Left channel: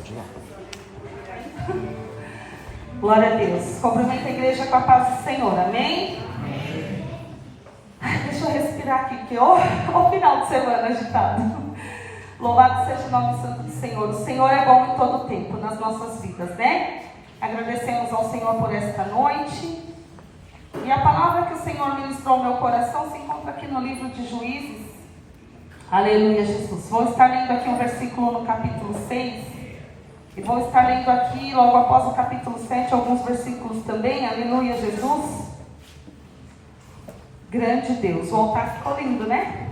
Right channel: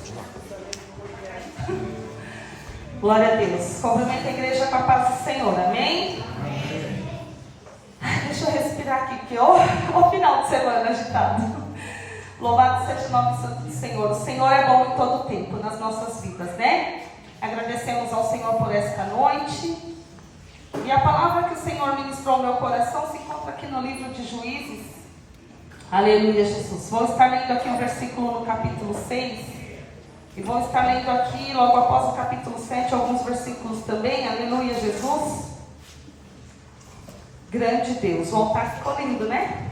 Pode ir lá. Glória a Deus. Cumprimento a igreja com a paz do Senhor. Amém? Deixa eu respirar aqui, porque o final de semana agitado. Louvado seja o nome santo do Senhor. O Senhor é bom em todo o tempo nas nossas vidas, né? Agradecemos ao Senhor por esta noite. E a palavra que o Senhor ministrou ao meu coração se encontra aqui no livro de Juízes. Aleluia, Jesus. Vou estar lendo aqui um versículo no capítulo 6. E vou estar lendo aqui, logo após o capítulo 7, alguns versículos também. Aleluia, Jesus. Grande Deus. O altar ficou lindo, né?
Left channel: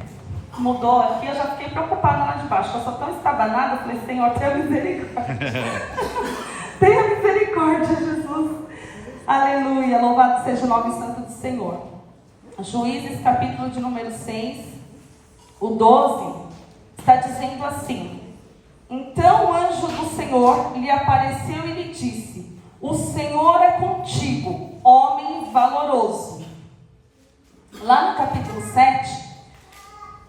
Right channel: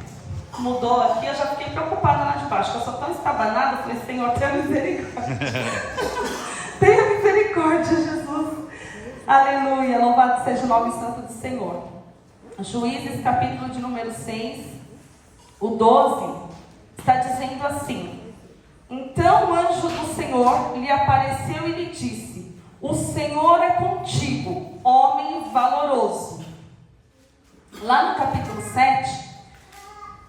Mudou aqui, eu já fiquei preocupada lá de baixo. Eu sou tão estabanada, eu falei, Senhor, tenha misericórdia. Tenha misericórdia, Jesus. Aleluia, louvado seja o nome santo do Senhor. Juízes, capítulo de número 6, o 12, está dizendo assim: então o anjo do Senhor lhe apareceu e lhe disse: o Senhor é contigo, homem valoroso. Lá no capítulo 7,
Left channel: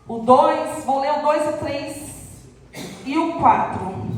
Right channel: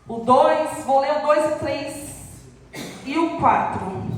o 2, vou ler o 2 e 3 e o 4.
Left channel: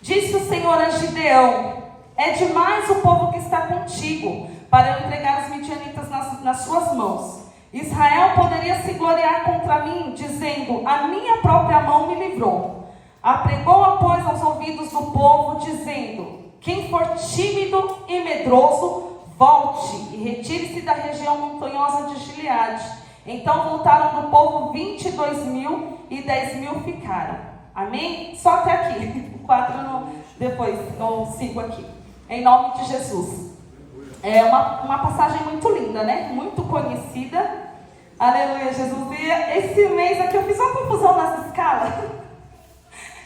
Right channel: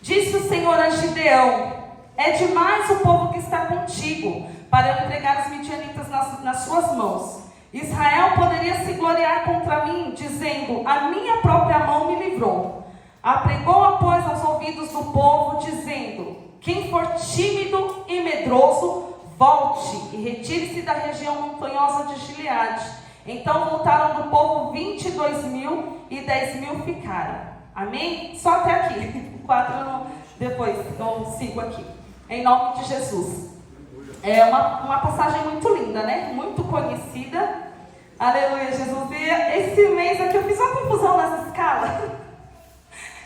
Disse o Senhor a Gideão: é demais o povo que está contigo, para eu entregar os midianitas nas suas mãos. Israel poderia se gloriar contra mim, dizendo: a minha própria mão me livrou. Apregou, pois, aos ouvidos do povo, dizendo: quem for tímido e medroso, volte e retire-se da região montanhosa de Gileade. Então voltaram do povo 22.000 e 10.000 ficaram. Amém? Só até aqui. 4 depois, então 5 aqui. Em nome de Jesus. É uma passagem muito linda, né? Muito conhecida. Aleluia, Jesus. E esse mês aqui eu fiz uma confusão nessa escala.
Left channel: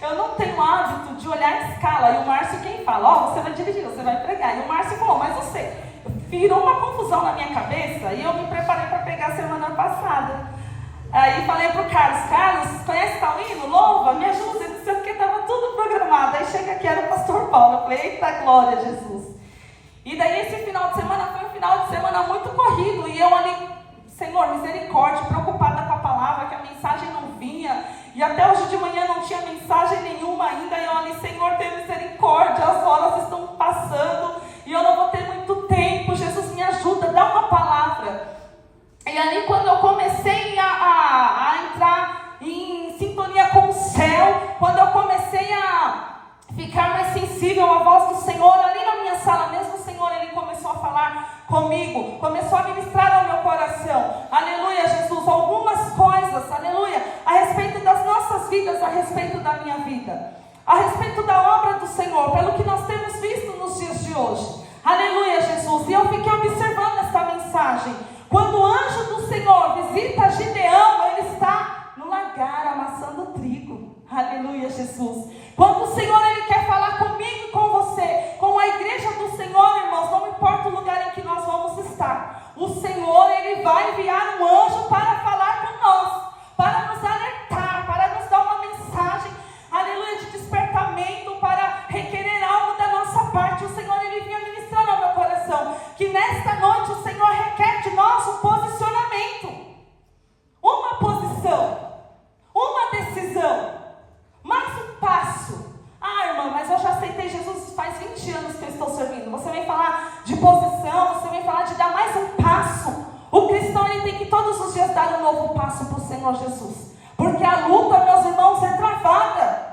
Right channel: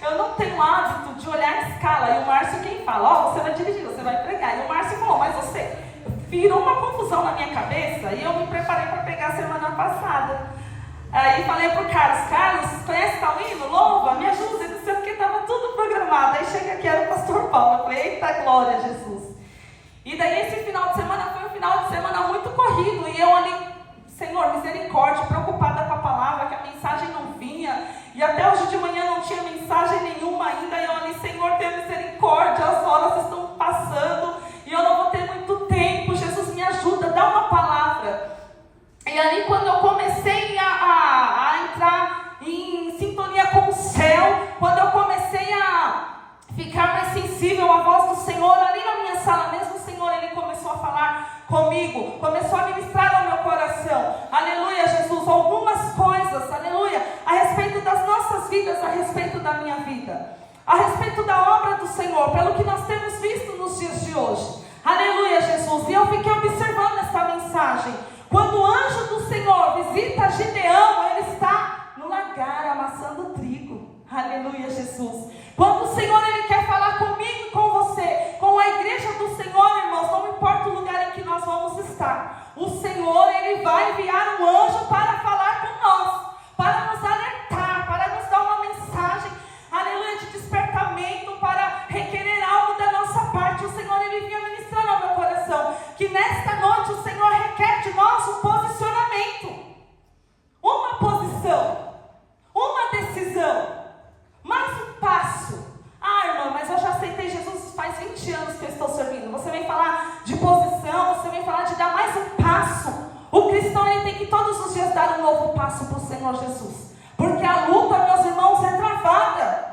Eu não tenho hábito de olhar a escala. E o Márcio quem fala? Você vai dirigir, você vai pregar. E o Márcio falou, mas você... Virou uma confusão na minha cabeça e eu me preparei para pregar semana passada. Aí falei pro Carlos, conhece tal hino? Louva, me ajuda, não sei o que, estava tudo programado. Aí chega aqui, era o pastor Paulo. Eu falei, eita glória, Jesus. E daí esse final de semana foi um final de semana muito corrido. E eu ali, Senhor, misericórdia, preocupada com a palavra, que a mensagem não vinha. E até hoje de manhã não tinha mensagem nenhuma ainda. E eu ali, Senhor, tenha misericórdia, as horas estão passando. E eu não vou ter muito tempo, Jesus me ajuda, dá uma palavra. E ali quando eu comecei a entrar em sintonia com o céu, quando eu comecei a ficar mais sensível à voz do Senhor, ali na minha sala mesmo, o Senhor, Ele começou a falar comigo, começou a ministrar ao meu coração, aleluia, Jesus, algumas coisas, aleluia, a respeito das nossas vidas, a respeito da minha vida. A respeito da obra do Senhor, pelo que nós temos visto nos dias de hoje. Aleluia, Jesus. E eu fiquei observando esta mensagem. Quando o anjo do Senhor visita Gideão, ele está no lagar amassando trigo. Aleluia, Jesus. Quando o Senhor ele quer falar comigo e com você, com a igreja do Senhor, irmãos, não importa o lugar em que nós vamos estar, o Senhor ele vai enviar um anjo para falar com nós, para nos alertar, para nos dar uma mensagem, aleluia, de despertamento, para requerer algo da nossa parte. O Senhor ele vinha ministrando ao meu coração que nesta noite o Senhor requer de nós um posicionamento, uma posição, uma decisão, mais um passo. Ah, irmã, mas eu já aceitei Jesus faz 20 anos que eu estou servindo. Você vem falar de posição, você vem falar de dar mais um passo. O cristão ele tem que todos os dias dar um novo passo para o Senhor Jesus, porque a luta, meus irmãos, é travada.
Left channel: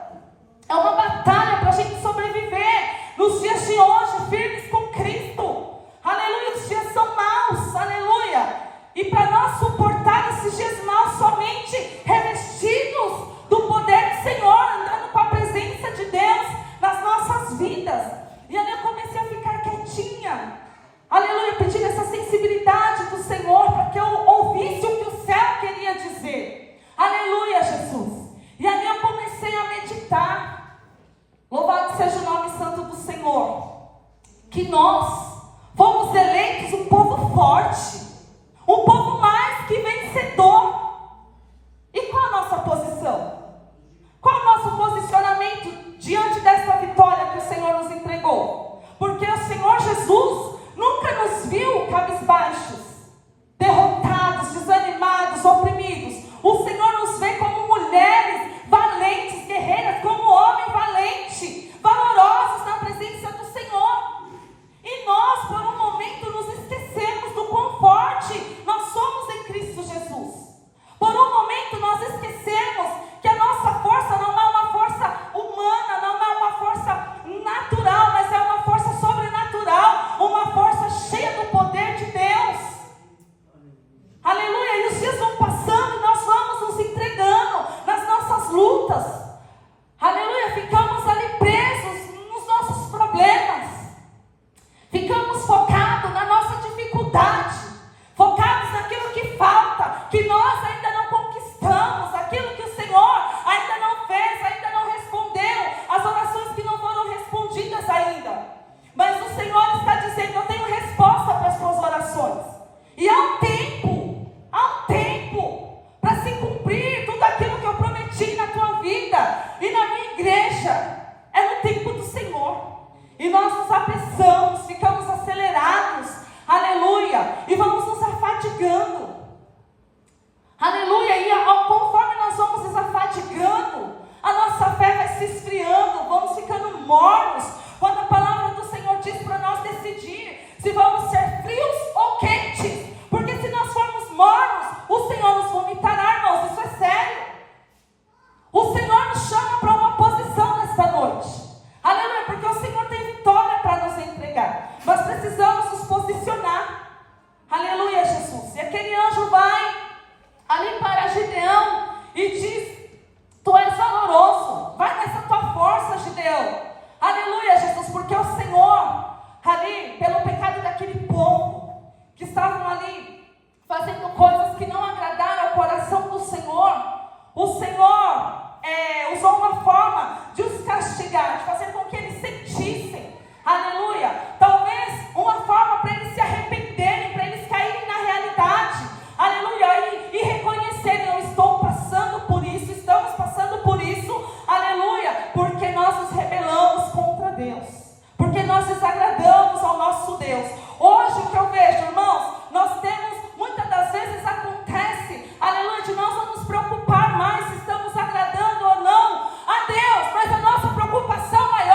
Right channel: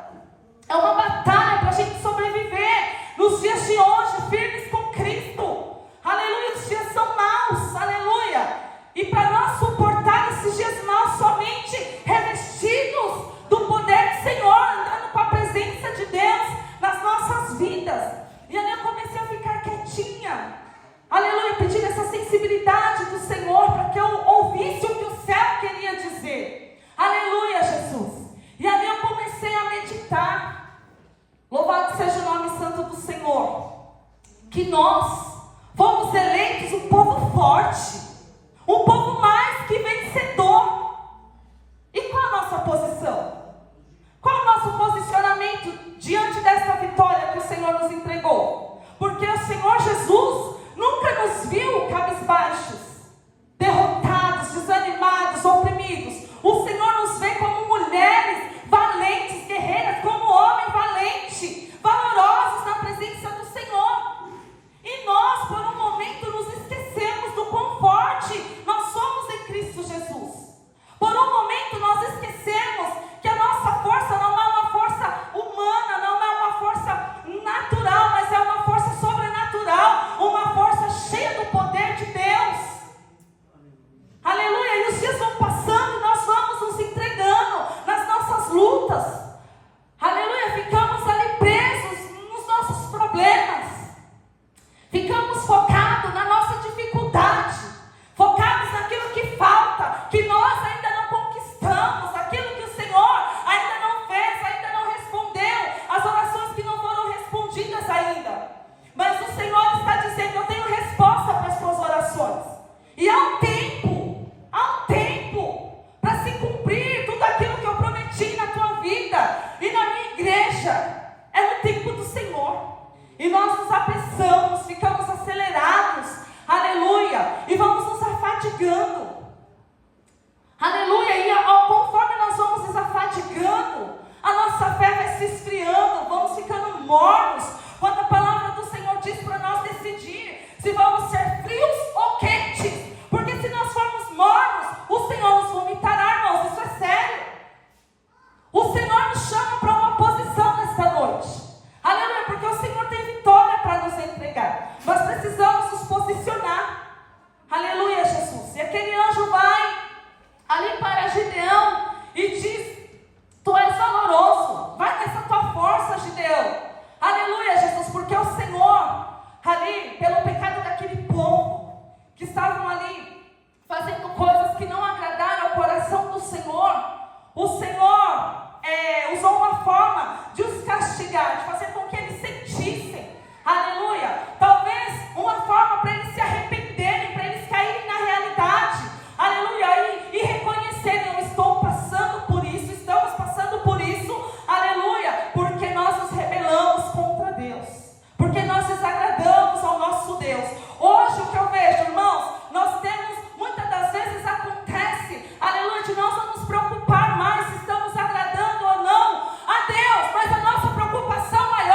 É uma batalha para a gente sobreviver nos dias de hoje, firmes com Cristo. Aleluia, os dias são maus, aleluia. E para nós suportar esses dias maus, somente revestidos do poder do Senhor, andando com a presença de Deus nas nossas vidas. E ali eu comecei a ficar quietinha, aleluia, pedindo essa sensibilidade do Senhor, para que eu ouvisse o que o céu queria dizer. Aleluia, Jesus. E ali eu comecei a meditar. Louvado seja o nome santo do Senhor. Que nós fomos eleitos um povo forte, um povo mais que vencedor. E qual a nossa posição? Qual o nosso posicionamento diante dessa vitória que o Senhor nos entregou? Porque o Senhor Jesus nunca nos viu cabisbaixos, derrotados, desanimados, oprimidos. O Senhor nos vê como mulheres valentes, guerreiras, como homem valente. mornos, quando a palavra do Senhor diz para nós decidir se vamos ser frios ou quentes, porque se nós formos mornos, o Senhor nos vomitará, irmãos, isso é sério. O Senhor nos chama para uma posição nesta noite, aleluia, porque o Senhor tem vitória para nos entregar, nós precisamos nos posicionar, aleluia, Jesus. E aquele anjo vai ali para Gideão e diz: tu és valoroso, vai nessa tua força, Gideão, aleluia, Jesus, porque o Senhor, ali, pelo pecado daquele povo, que estavam ali, fazendo coisas que não agradaram ao coração do Senhor, o Senhor usou uma forma de os castigar, de fazer com que eles sentissem, aleluia, talvez uma forma para eles se arrependerem, para eles caírem na realidade, aleluia, e reconhecerem: eu estou passando por isso, estamos passando por isso, aleluia, porque nós nos rebelamos contra Deus, porque nós desagradamos ao nosso Deus. Hoje o que eu vejo, irmãos, nós temos, muitas das vezes acontece, aleluia, de nós não nos preocupar mais se estamos agradando ou não a Deus, mas a nossa preocupação maior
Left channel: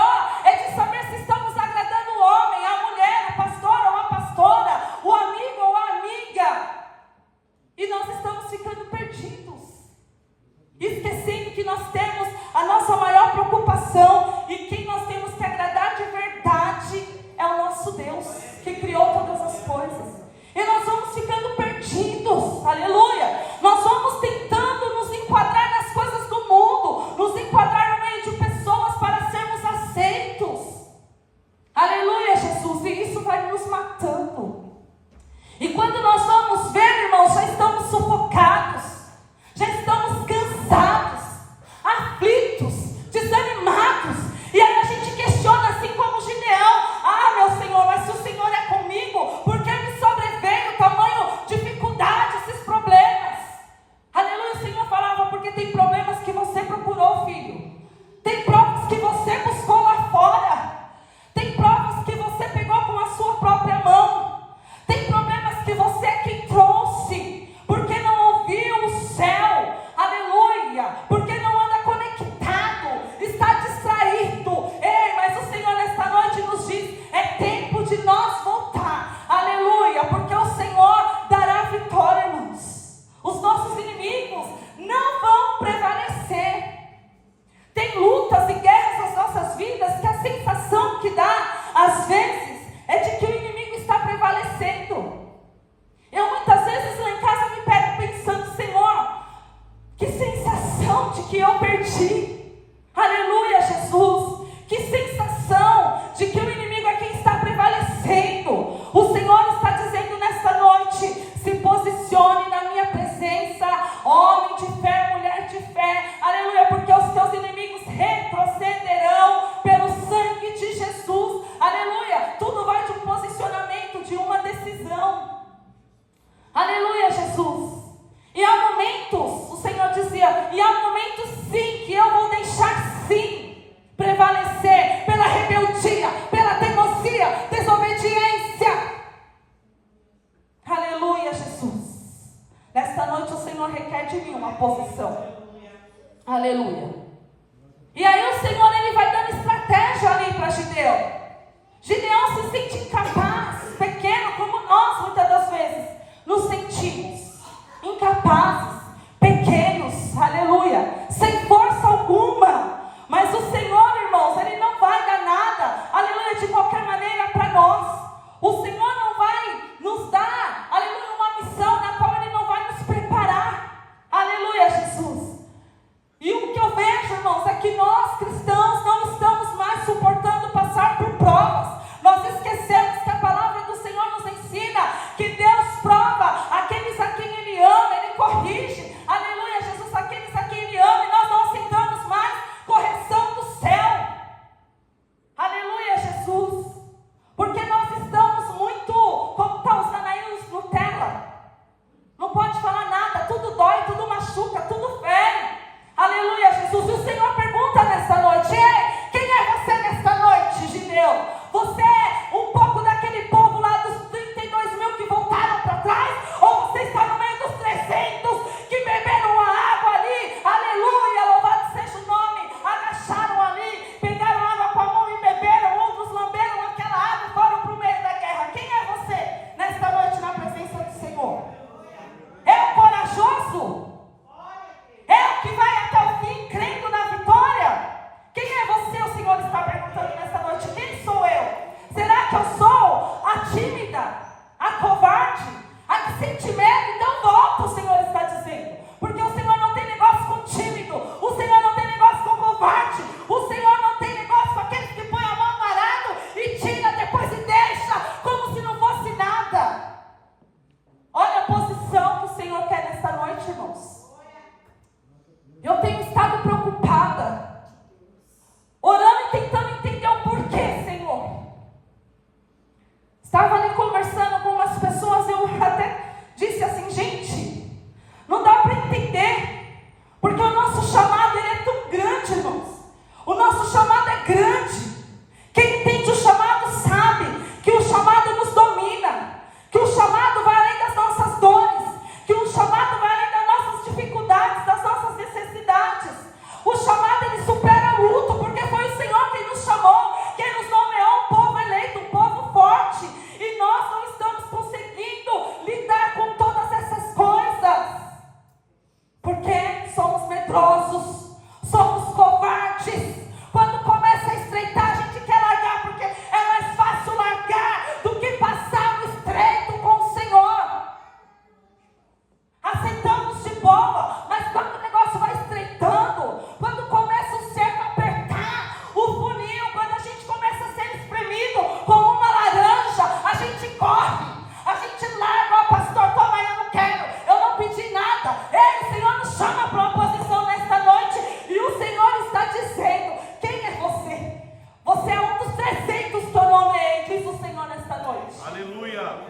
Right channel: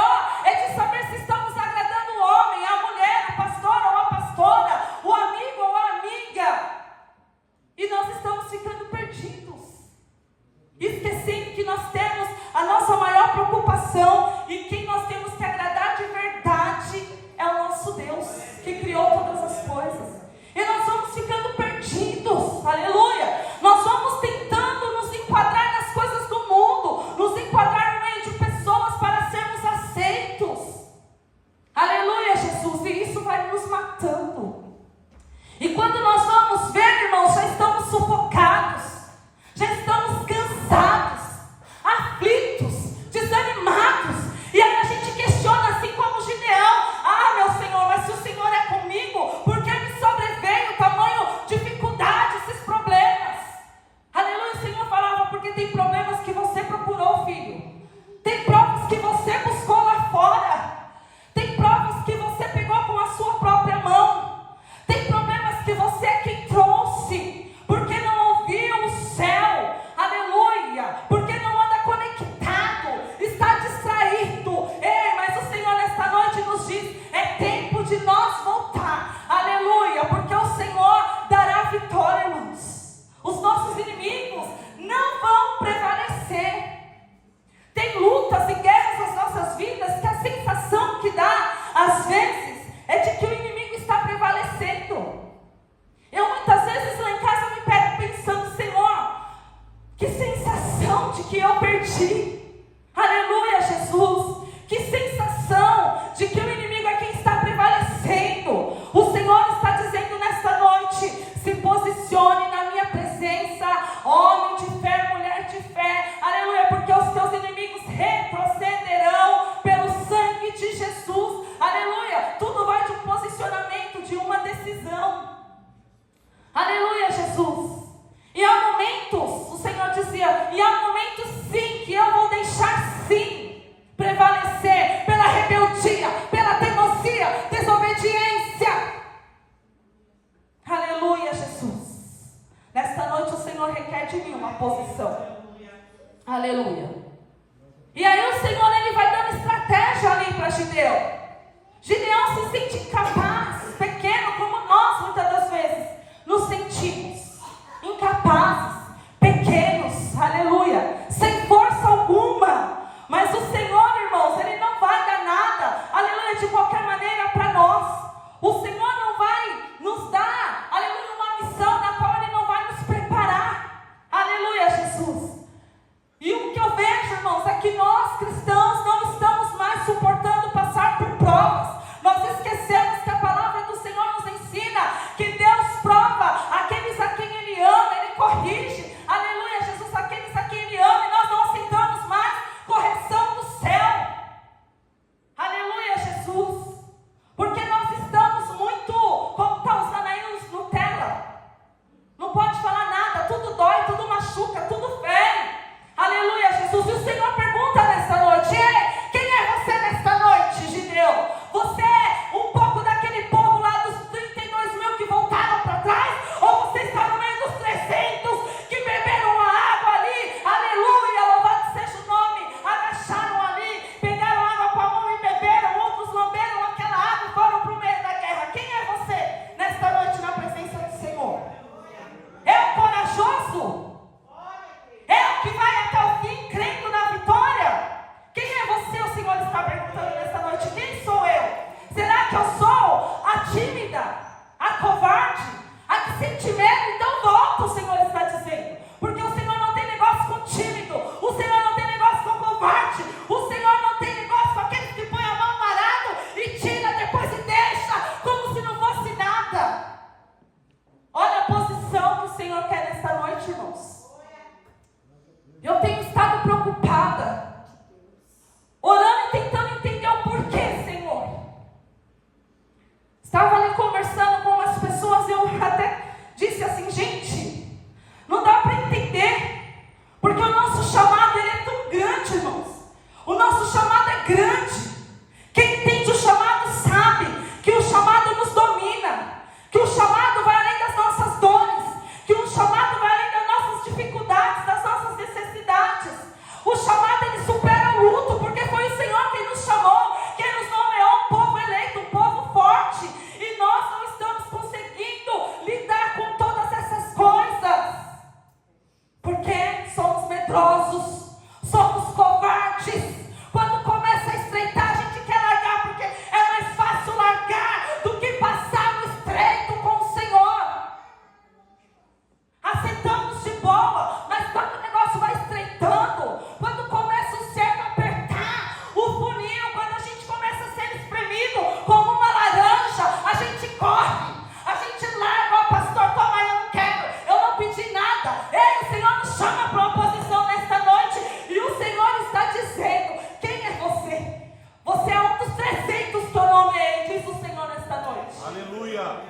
está dizendo: quem é você? Você é um dos 300 que eu nomeei, diz o Senhor nesta noite. Aleluia.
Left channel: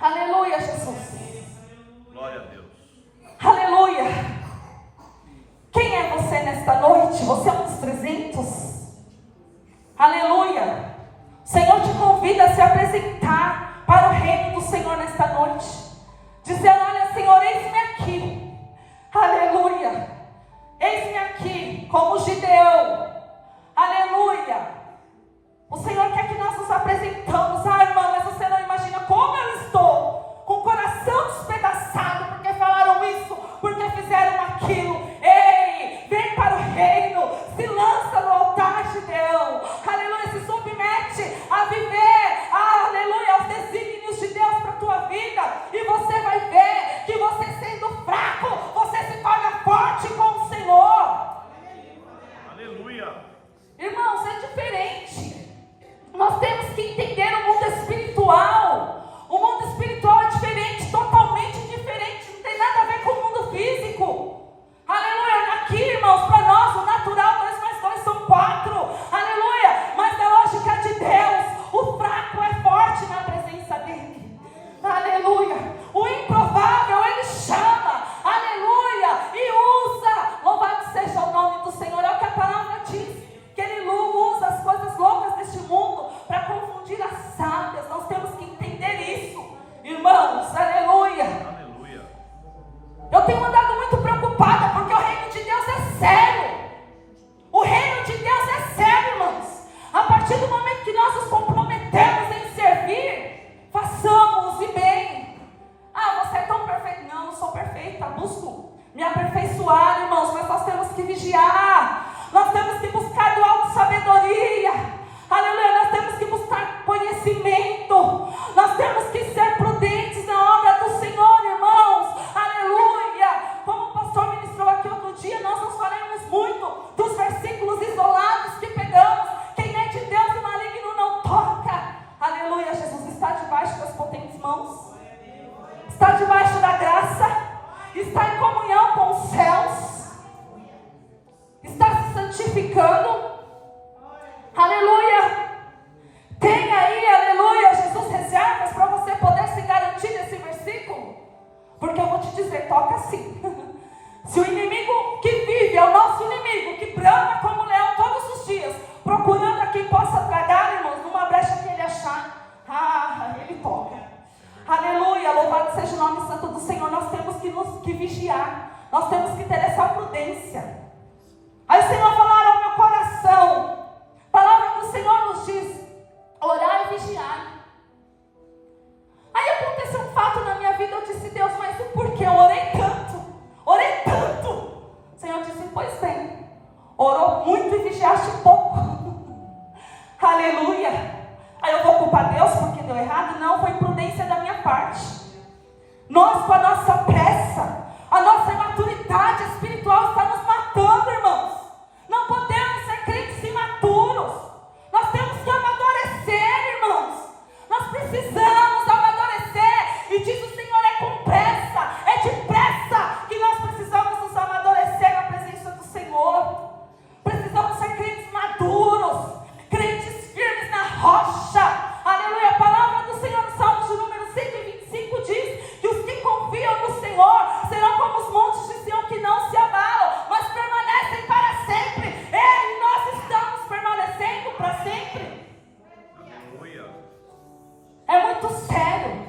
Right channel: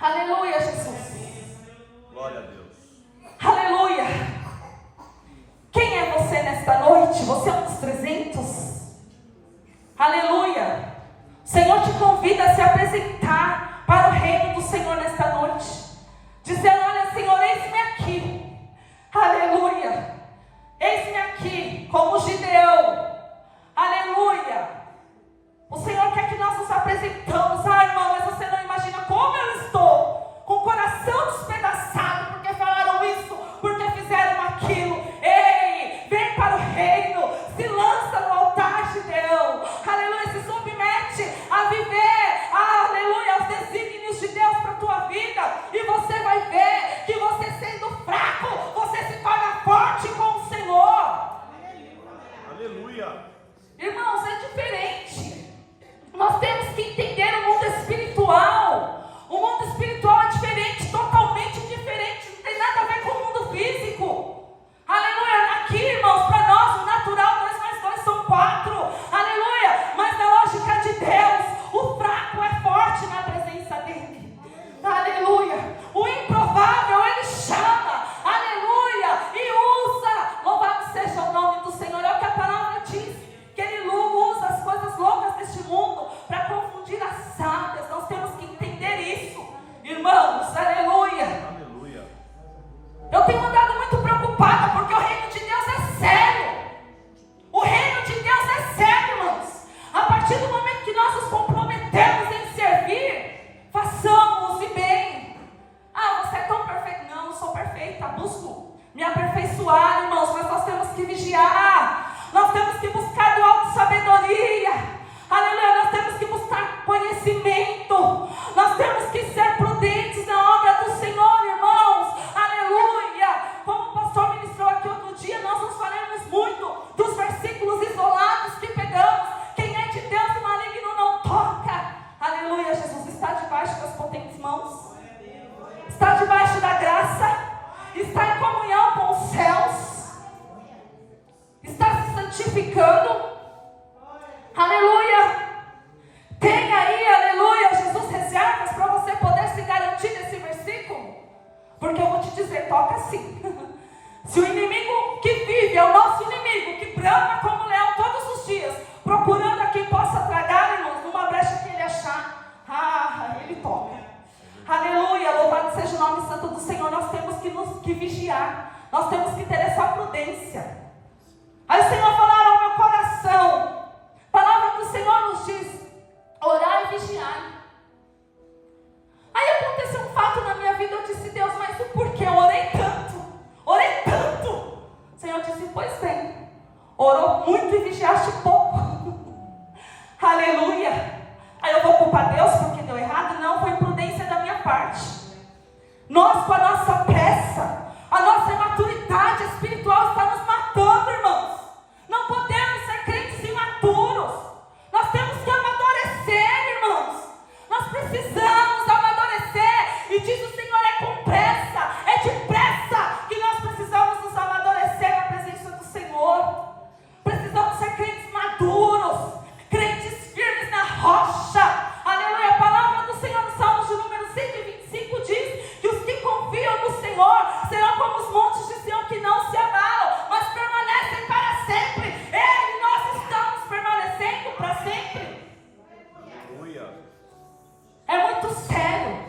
Aleluia, Jesus. Glória a Deus. Aleluia. Quem é você nesta noite? Você é um dos 300? Aleluia. O Senhor te convida a se apresentar para o reino do Senhor nesta noite, dizendo: olha, Senhor, eis-me aqui. Aleluia. Eis-me aqui como Gideão. Aleluia. O Senhor quer que nós nos apresentamos. Ah, irmão, mas você não imagina como eu estou, com o coração despedaçado, porque falaram isso, porque fizeram aquilo. Ei, vem para o reino, se lança no altar, Gideão. Aleluia, se submete a viver, aleluia, aos desígnios de Deus para a tua vida. E você vai ver que você, sendo fraco, você se torna forte com o Senhor. Aleluia. Irmãos, é diferente. Nós temos que entender o mundo espiritual. O mundo espiritual é diferente, totalmente diferente. Não tem nada a ver com o mundo físico. Aleluia. Aqui, irmãos, para nós o natural 2 mais 2 são 4. Aleluia. Mas na lógica de Deus, o fraco é forte na presença dele. Aleluia. O improvável ele chama. Aleluia. E usa. Louvado seja o nome do Senhor. É o que a palavra diz, que ele usa as coisas loucas deste mundo para confundir as sábias. Nós temos que entender isso, irmãos. Aleluia. Aleluia. Eu tenho andado muito preocupada, porque o reino de Deus é sério. O reino de Deus é sério, irmãos. A partir do momento que nós nos comprometemos em servir, façamos e bem. Ah, você é tão perfeito. Não, eu sou perfeita, busco me aperfeiçoar, irmãos, mas nós temos que vigiar. Nós temos que buscar do alto sabedoria. Aleluia. Nós temos que buscar conhecimento. Nós temos que ser prudentes na obra do Senhor, irmãos. Aleluia. Como o pastor ministrou aqui outro dia, nós nos falamos muito dos versículos isolados que pegamos. Quem é de Deus, o maligno não toca. Aleluia. Jesus está debaixo das potentes mãos. Está debaixo da graça. Está em comunhão com os céus. Está se santificando. Aleluia. Tem aí, aleluia, Jesus, reservas para você poder se garantir desse versículo. Porque eu vou te dizer, toca assim. Se o inimigo que vive é o nosso inimigo, que brama como leão todos os dias, procurando a quem possa tragar, irmãos, numa brecha que ele achar, ele toca. Aleluia, louvado seja o nome santo do Senhor. Nós temos que vigiar. Nós temos que ter essa prudência. Aí o Senhor falaram ao meu coração. A palavra do Senhor nos diz: orar e vigiar. Aí aconteceu um fato na minha vida. Eu disse: Deus, mas o porquê? Eu orei tanto. Orei tanto. O Senhor disse: pois bem, orou muito e vigiaste pouco. Aleluia. Aí eu vou culpar Deus porque deu errado? Não, foi imprudência da minha parte. Nós, com a nossa pressa, a nossa imaturidade espiritual está nos matando, irmãos. Não podemos ser crentes imaturos. Nós temos que amadurecer, irmãos. Nós precisamos amadurecer. E diz o Senhor, é com pressa, é depressa que nós precisamos nos amadurecer na presença do Senhor. Precisamos ser crentes maduros, crentes firmes na rocha. Aleluia. A palavra do Senhor no Salmo de número 125 diz que os que confiam no Senhor serão como os montes de Sião, que não se abalam, mas permanecem para sempre. E nós estamos permanecendo para sempre. É muito sério.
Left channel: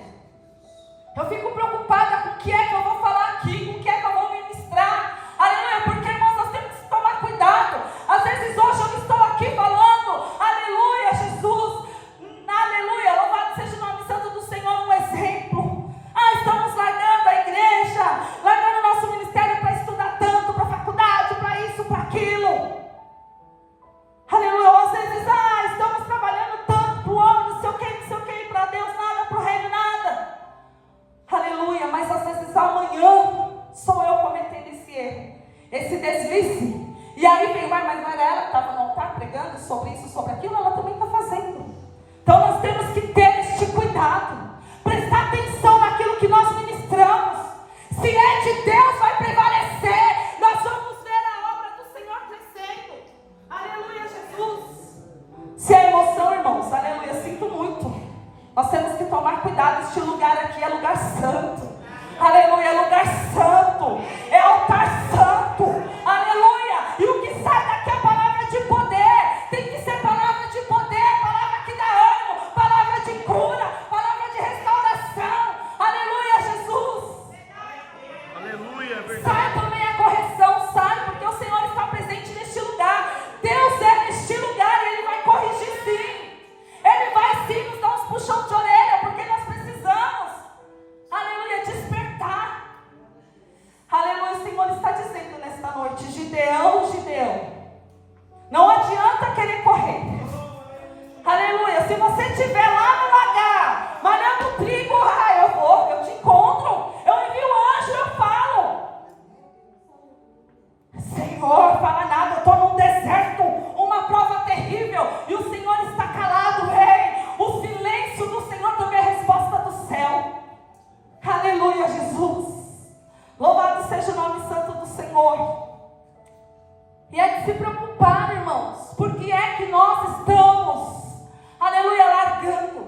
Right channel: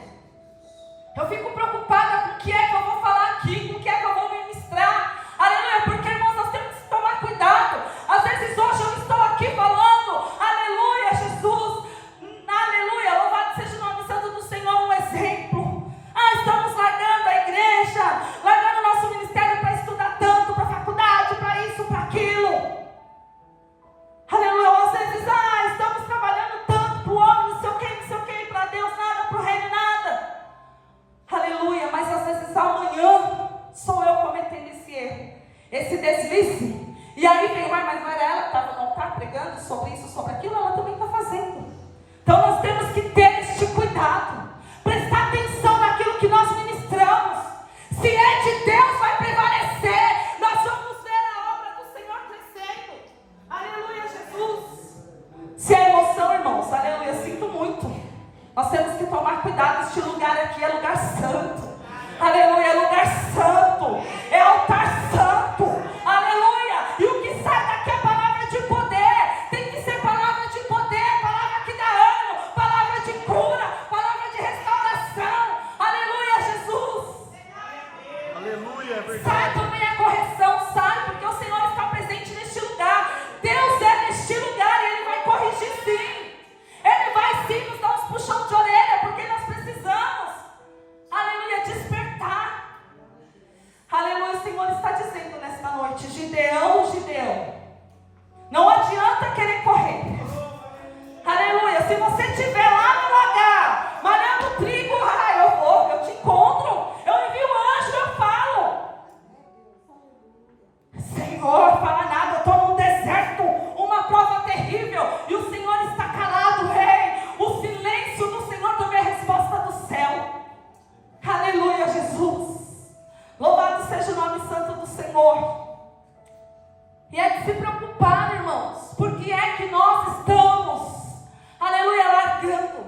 Eu fico preocupada com o que é que eu vou falar aqui, com o que é que eu vou ministrar. Aleluia, porque, irmãos, nós temos que tomar cuidado. Às vezes hoje eu estou aqui falando, aleluia, Jesus, aleluia, louvado seja o nome santo do Senhor, um exemplo. Estamos largando a igreja, largando o nosso ministério para estudar tanto, para faculdade, para isso, para aquilo. Aleluia, às vezes, estamos trabalhando tanto para o homem, não sei o que, para Deus nada, para o reino nada. Aleluia, mas às vezes amanhã sou eu cometendo esse erro, esse deslize. E aí vem, mas não era ela que estava no altar pregando sobre isso, sobre aquilo, ela também está fazendo. Então nós temos que ter este cuidado, prestar atenção naquilo que nós ministramos. Se é de Deus, vai prevalecer. Nós vamos ver a obra do Senhor crescendo. Nós temos que tomar cuidado. Este lugar aqui é lugar santo. Aleluia, é lugar santo. É altar santo. Aleluia. E o que sai daqui é palavra de poder. Tem que ser palavra de poder, palavra que dá ânimo, palavra de cura, palavra de restauração. Aleluia, Jesus. Aleluia, é verdade. Sai também a correção, sai, porque o Senhor está presente neste lugar. Deus é neste lugar e Ele vai corrigir sim. Ele vai sim nos dar uns puxão de orelha, porque nós precisamos, aleluia, despertar. Aleluia, o Senhor está dizendo nesta noite: Gideão, Gideão, não adianta querer correr. Aleluia, se você estiver lá no lagar, malhando trigo, eu te encontro, eu envio o anjo, eu falo. Senhor, fala nada, eu estou num deserto, uma prova terrível, e o Senhor está calado, rei. O silêncio do Senhor também é a resposta do céu. Aleluia, Jesus. Louvado seja o nome santo do Senhor. E é de se preocupar, irmãos. Por que é que nós estamos, aleluia, largando?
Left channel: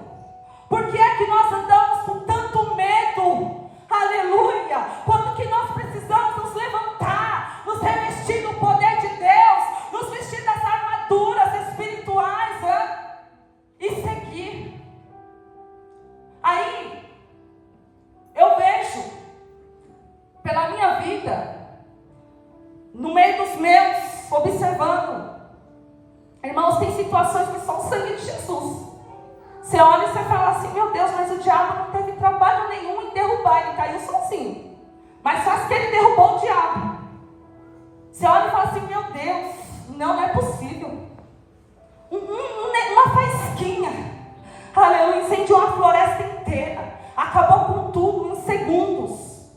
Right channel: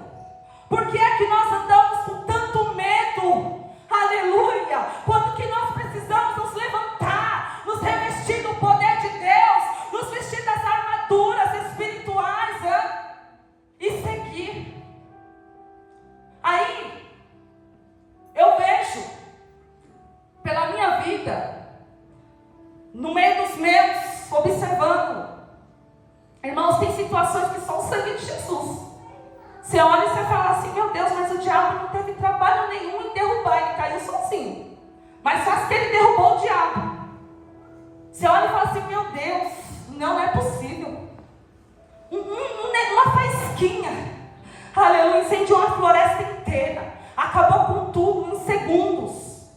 Por que é que nós andamos com tanto medo? Aleluia. Quando que nós precisamos nos levantar, nos revestir do poder de Deus, nos vestir das armaduras espirituais, e seguir. Aí, eu vejo, pela minha vida, no meio dos meus, observando, irmãos, tem situações que são o sangue de Jesus. Você olha e você fala assim: meu Deus, mas o diabo não teve trabalho nenhum em derrubar, ele caiu sozinho. Mas faz que ele derrubou o diabo. Você olha e fala assim: meu Deus, não é possível. Uma faísquinha, aleluia, incendiou a floresta inteira, acabou com tudo em segundos.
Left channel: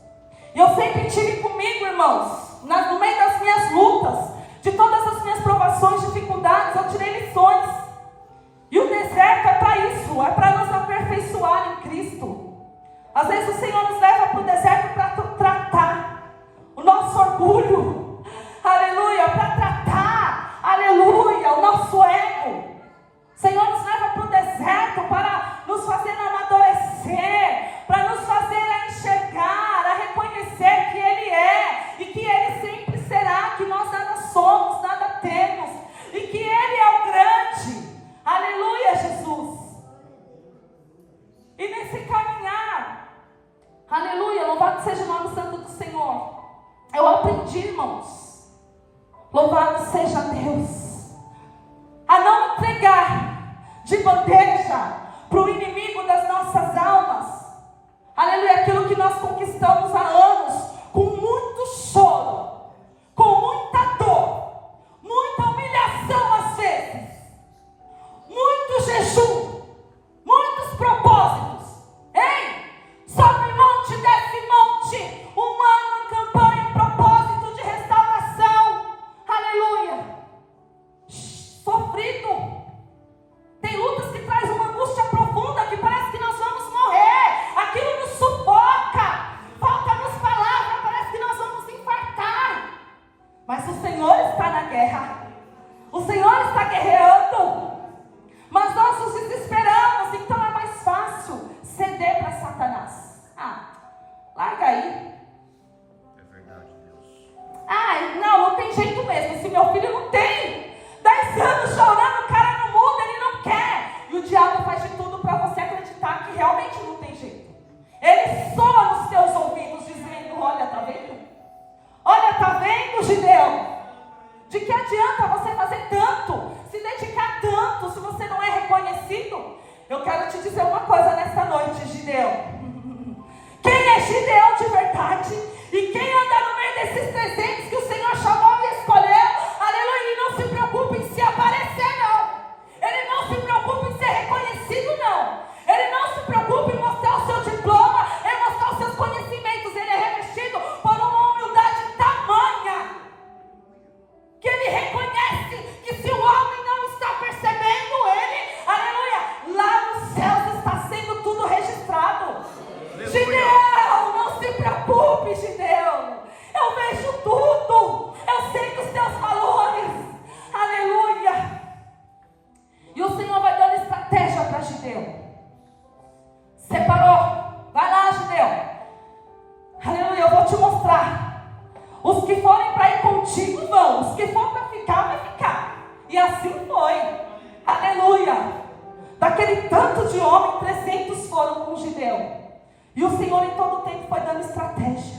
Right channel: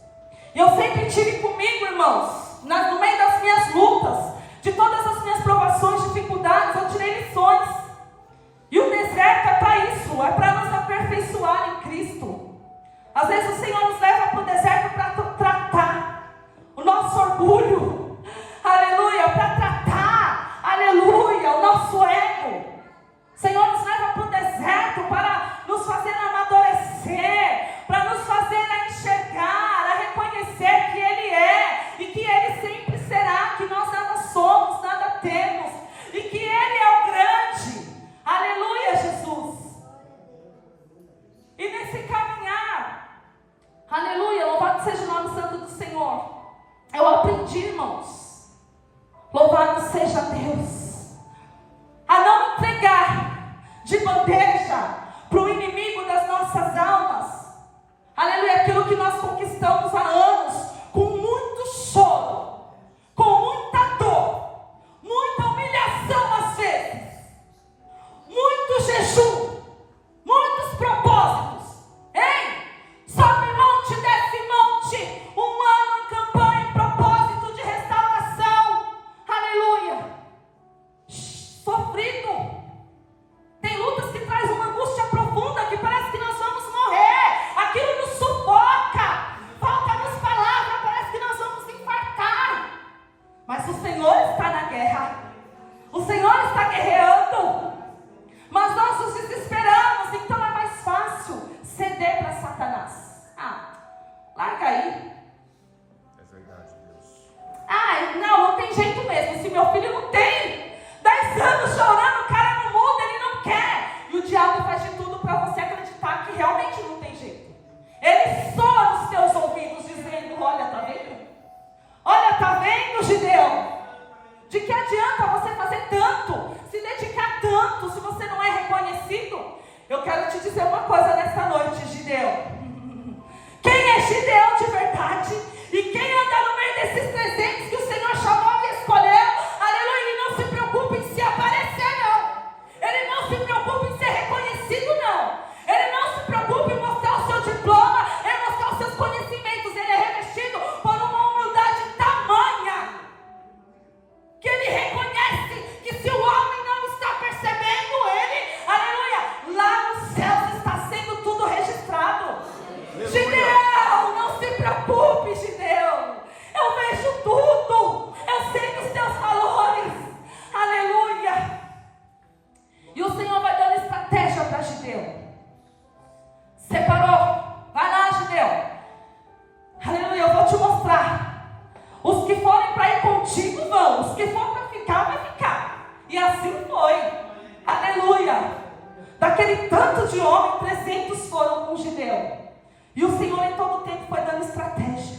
E eu sempre tive comigo, irmãos, no meio das minhas lutas, de todas as minhas provações, dificuldades, eu tirei lições. E o deserto é para isso, é para nos aperfeiçoar em Cristo. Às vezes o Senhor nos leva para o deserto para tratar o nosso orgulho, aleluia, para tratar, aleluia, o nosso ego. O Senhor nos leva para o deserto para nos fazer amadurecer, para nos fazer a enxergar, a reconhecer que Ele é e que Ele sempre será, que nós nada somos, nada temos, e que Ele é o grande. Aleluia, Jesus. E nesse caminhar, aleluia, louvado seja o nome santo do Senhor, eu aprendi, irmãos, louvado seja Deus, a não entregar de bandeja para o inimigo das nossas almas, aleluia, aquilo que nós conquistamos há anos, com muito choro, com muita dor, muita humilhação às vezes, muito jejum, muitos propósitos. Ei, sobe monte, desce monte, um ano em campanha, em propósito de restauração, aleluia, sofrido. Tem lutas que traz uma angústia profunda, que parece que nós vamos morrer, aquilo nos sufoca, falta-nos palavra, parece que nós vamos infartar. Mas o Senhor está na guerra, o Senhor está guerreando. Mas nós nos desesperamos, então é mais fácil ceder para Satanás. Larga aí. É verdade, Deus. Não tem jeito mesmo. Se meu filho não tem 10 anos chorando, o cara não muda, ele não quer. E o diabo faz de tudo para você acreditar que realmente não tem jeito. Ele soa nos seus ouvidos dizendo: olha, tá vendo? Olha, tá vendo, Gideão? De que adianta você fazer tanto, se dedicar tanto, se você não é reconhecido? Eu quero te dizer uma coisa nesta noite, Gideão. Quem é Gideão de verdade? E quem anda no meio desses 300 que o Senhor chamou e escolheu? Aleluia, e não assim foi. Aleluia. Daquele tanto de homem, 300 foram com Gideão. E o Senhor em todo o tempo foi dando estratégia.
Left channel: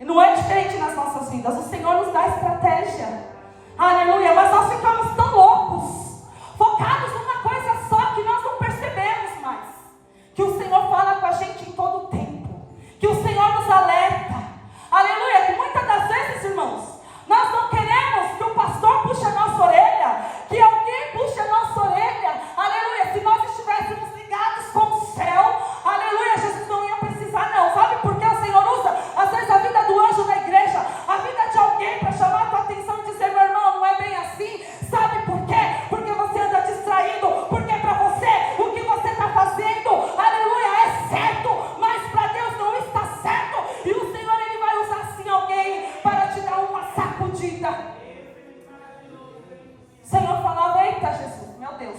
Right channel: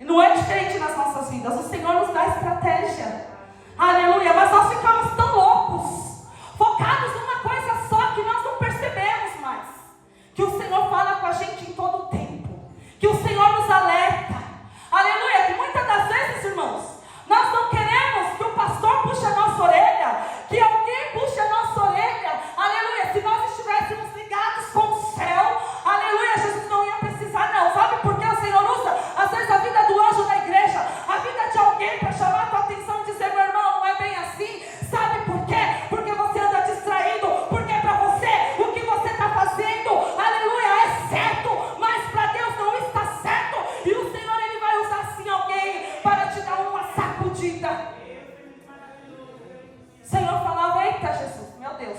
E não é diferente nas nossas vidas. O Senhor nos dá estratégia. Aleluia. Mas nós ficamos tão loucos, focados numa coisa só, que nós não percebemos mais que o Senhor fala com a gente em todo o tempo, que o Senhor nos alerta. Aleluia. Que muitas das vezes, irmãos, nós não queremos que o pastor puxe a nossa orelha, que alguém puxe a nossa orelha. Aleluia. Se nós estivéssemos ligados com o céu, aleluia, Jesus não ia precisar não. Sabe por que o Senhor usa, às vezes, a vida do anjo na igreja, a vida de alguém, para chamar a tua atenção e dizer: meu irmão, não é bem assim. Sabe por quê? Porque você anda distraído, porque para você, o que você está fazendo, aleluia, é certo, mas para Deus não está certo. E o Senhor, Ele vai usar assim alguém para te dar uma sacudida. O Senhor falava: eita Jesus, meu Deus.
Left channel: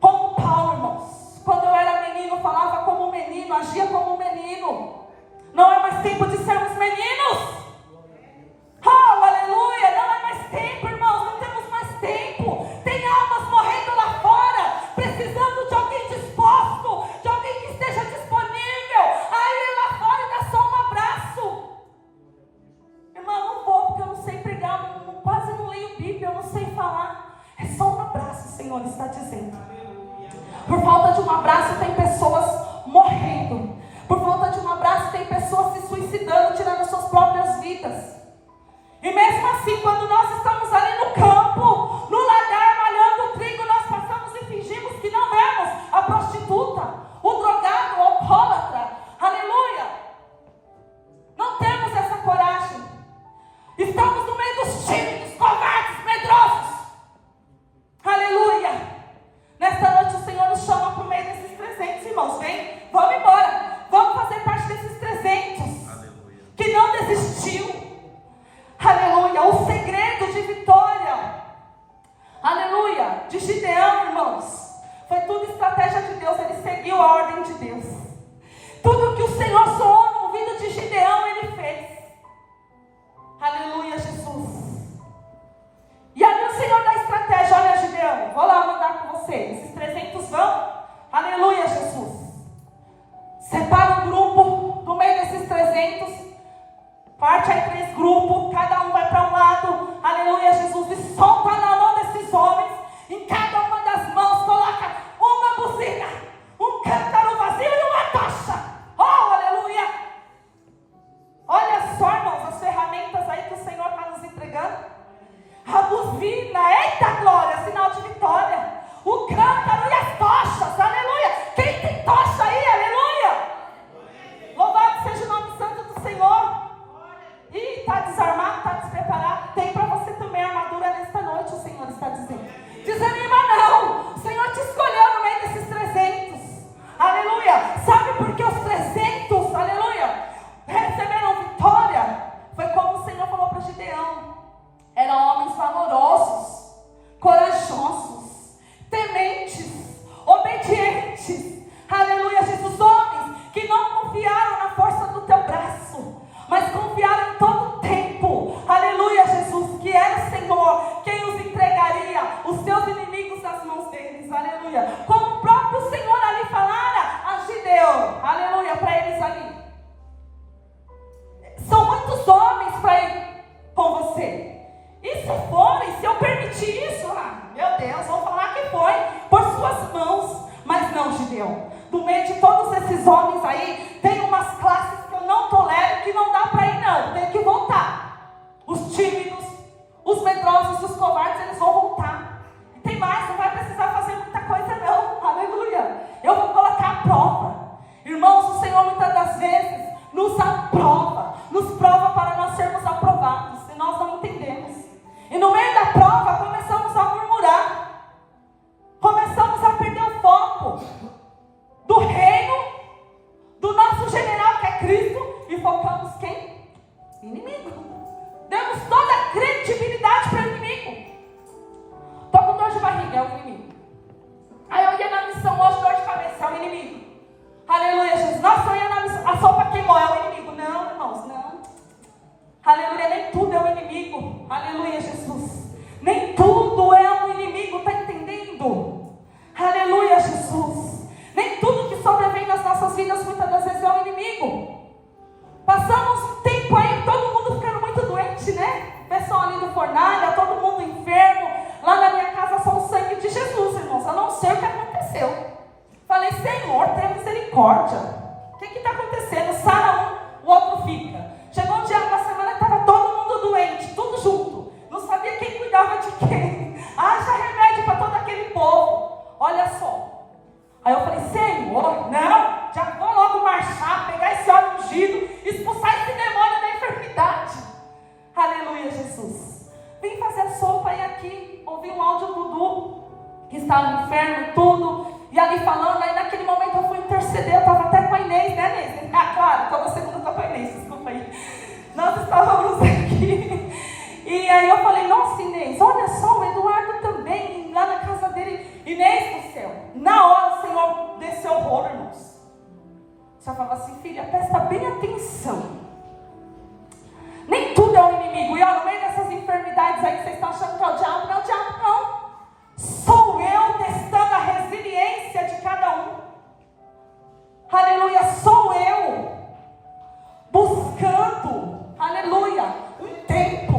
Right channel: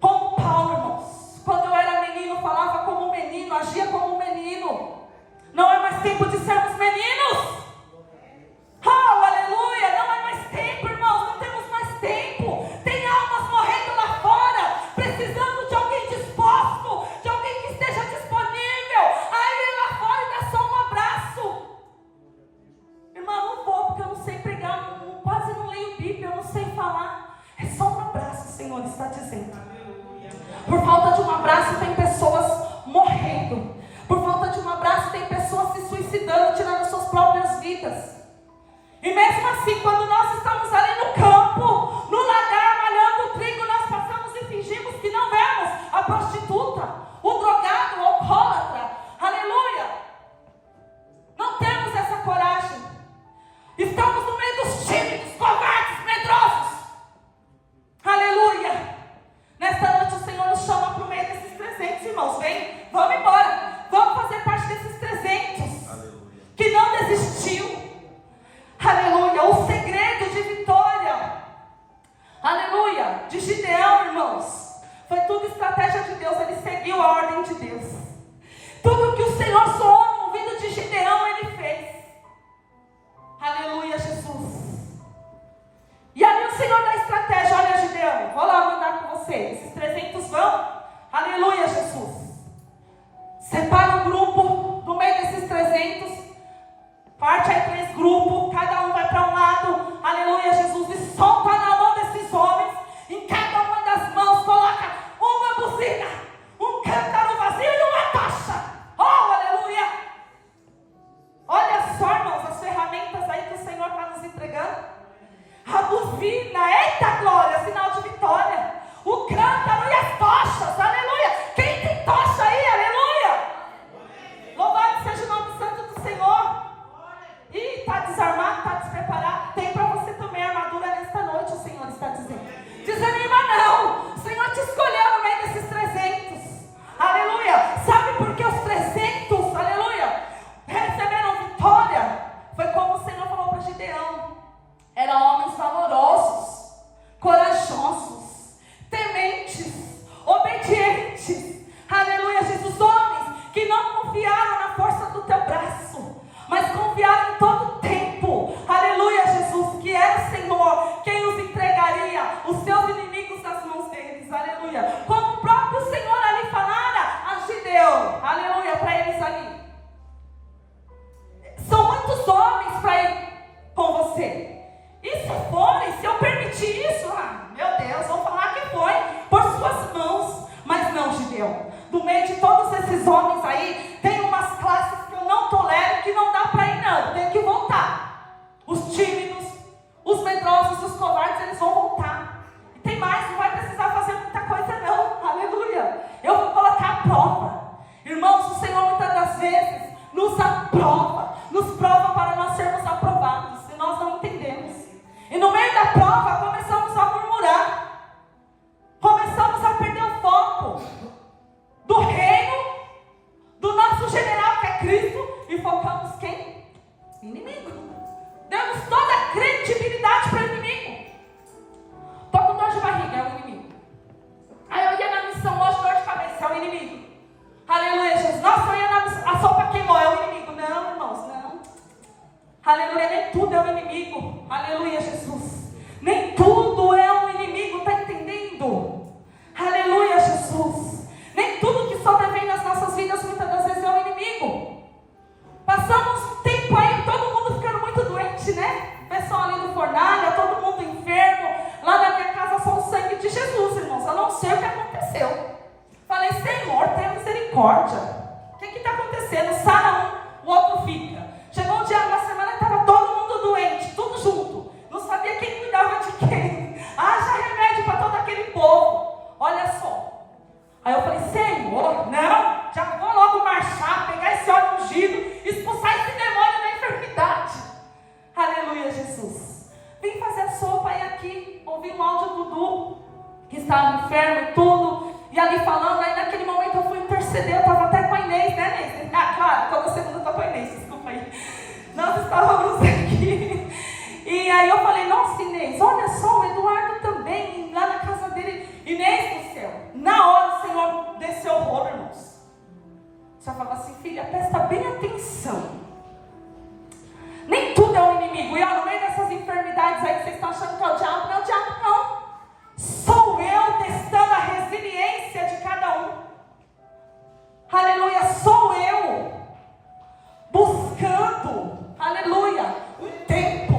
Como Paulo, irmãos, quando eu era menino, falava como um menino, agia como um menino. Não é mais tempo de sermos meninos. Oh, aleluia, não é mais tempo, irmãos, não temos mais tempo. Tem almas morrendo lá fora, precisando de alguém disposto, de alguém que esteja disponível a ir lá fora e dar só um abraço. Irmão, não vou, porque eu não sei pregar, quase não leio Bíblia, eu não sei falar. É só um abraço, o Senhor está dizendo. Por falta de um abraço tem pessoas morrendo. Por falta de um abraço tem pessoas se suicidando, tirando suas próprias vidas. E mesmo assim, quando nós estamos ali no campo, no lagar, malhando o trigo, nós passamos e fingimos que não vemos a prostituta, o drogado, o alcoólatra. Aleluia. Não temos essa coragem. Estamos no meio dos tímidos, covardes, medrosos. Aleluia. Nesta noite o Senhor nos chama para o meio desses 300, irmãos. Vem, vamos embora. Vamos fazer parte desses 300 que não desistiu. Aleluia. O segredo de vitória, aleluia, de Gideão, irmãos, foi tudo estratégia de Deus. Ele seguiu a ordem de Deus. Tudo que o Senhor soou no ouvido de Gideão, ele fez. Aleluia, Jesus. E ali o Senhor dá estratégia. Olha, Gideão, vou lá mandar com você. Esses 300 vão. Aleluia, Jesus. Separa um grupo no meio desses 300. Parte aí 3 grupos. Cada um vai para um lado. Aleluia, Jesus. E solta na mão desses homens. Em cada uma das mãos coloca uma buzina, um cântaro vazio e uma tocha. Oh, aleluia. Olha só, irmãos, as ferramentas aí que o Senhor está nos entregando. A buzina, eita glória, sinal de vitória. O cântaro e as tochas, aleluia. Quem tem tocha aí, aleluia? Louvado seja o nome santo do Senhor. Ih, está desarmado, está despreparado. Tem para você também armadura nesta noite, o Senhor está dizendo. Desanima não, o Senhor te escolheu no meio desses 300. Aleluia. Sabe por que os 300, aleluia, receberam vitória? Foi como o Senhor falou para Gideão. Eram homens valorosos, corajosos. misericórdia. O que está acontecendo? Sara um, o outro fica. Chegou um dia, uma semana, que estava todo mundo doente, tudo junto. Não sabia quem cuidava de quem. Haja remédio para todo aquele povo. Olha só. Aí eu falei, Senhor, não, já vou logo marchar, pegar esse óleo ungido, expulsar esse demônio da enfermidade. Aleluia, Jesus. Vim fazer sopa e aqui ouvi um áudio do Dudu, que estava enfermo e tudo, e ali falando. Aí naquele momento eu fui interceder, eu estava até com a Inês, né, Inês? Ah, claro, toda segunda eu estou com a Inês, desculpa aí. Nós estávamos aqui, e aí eu falei, nossa, Inês, olha só, o Eduardo também, lá na casa dele. Inês do céu, na hora o Senhor desceu o rolo, irmãos. O Senhor falava assim, filha, presta bem atenção. Nem tudo é um inimigo. E ó, no meio dessas enfermidades aí que vocês estão achando que é o diabo, não é o diabo não. Sou eu testando a resiliência de cada um. Aleluia, sou eu buscando, aleluia, um tempo,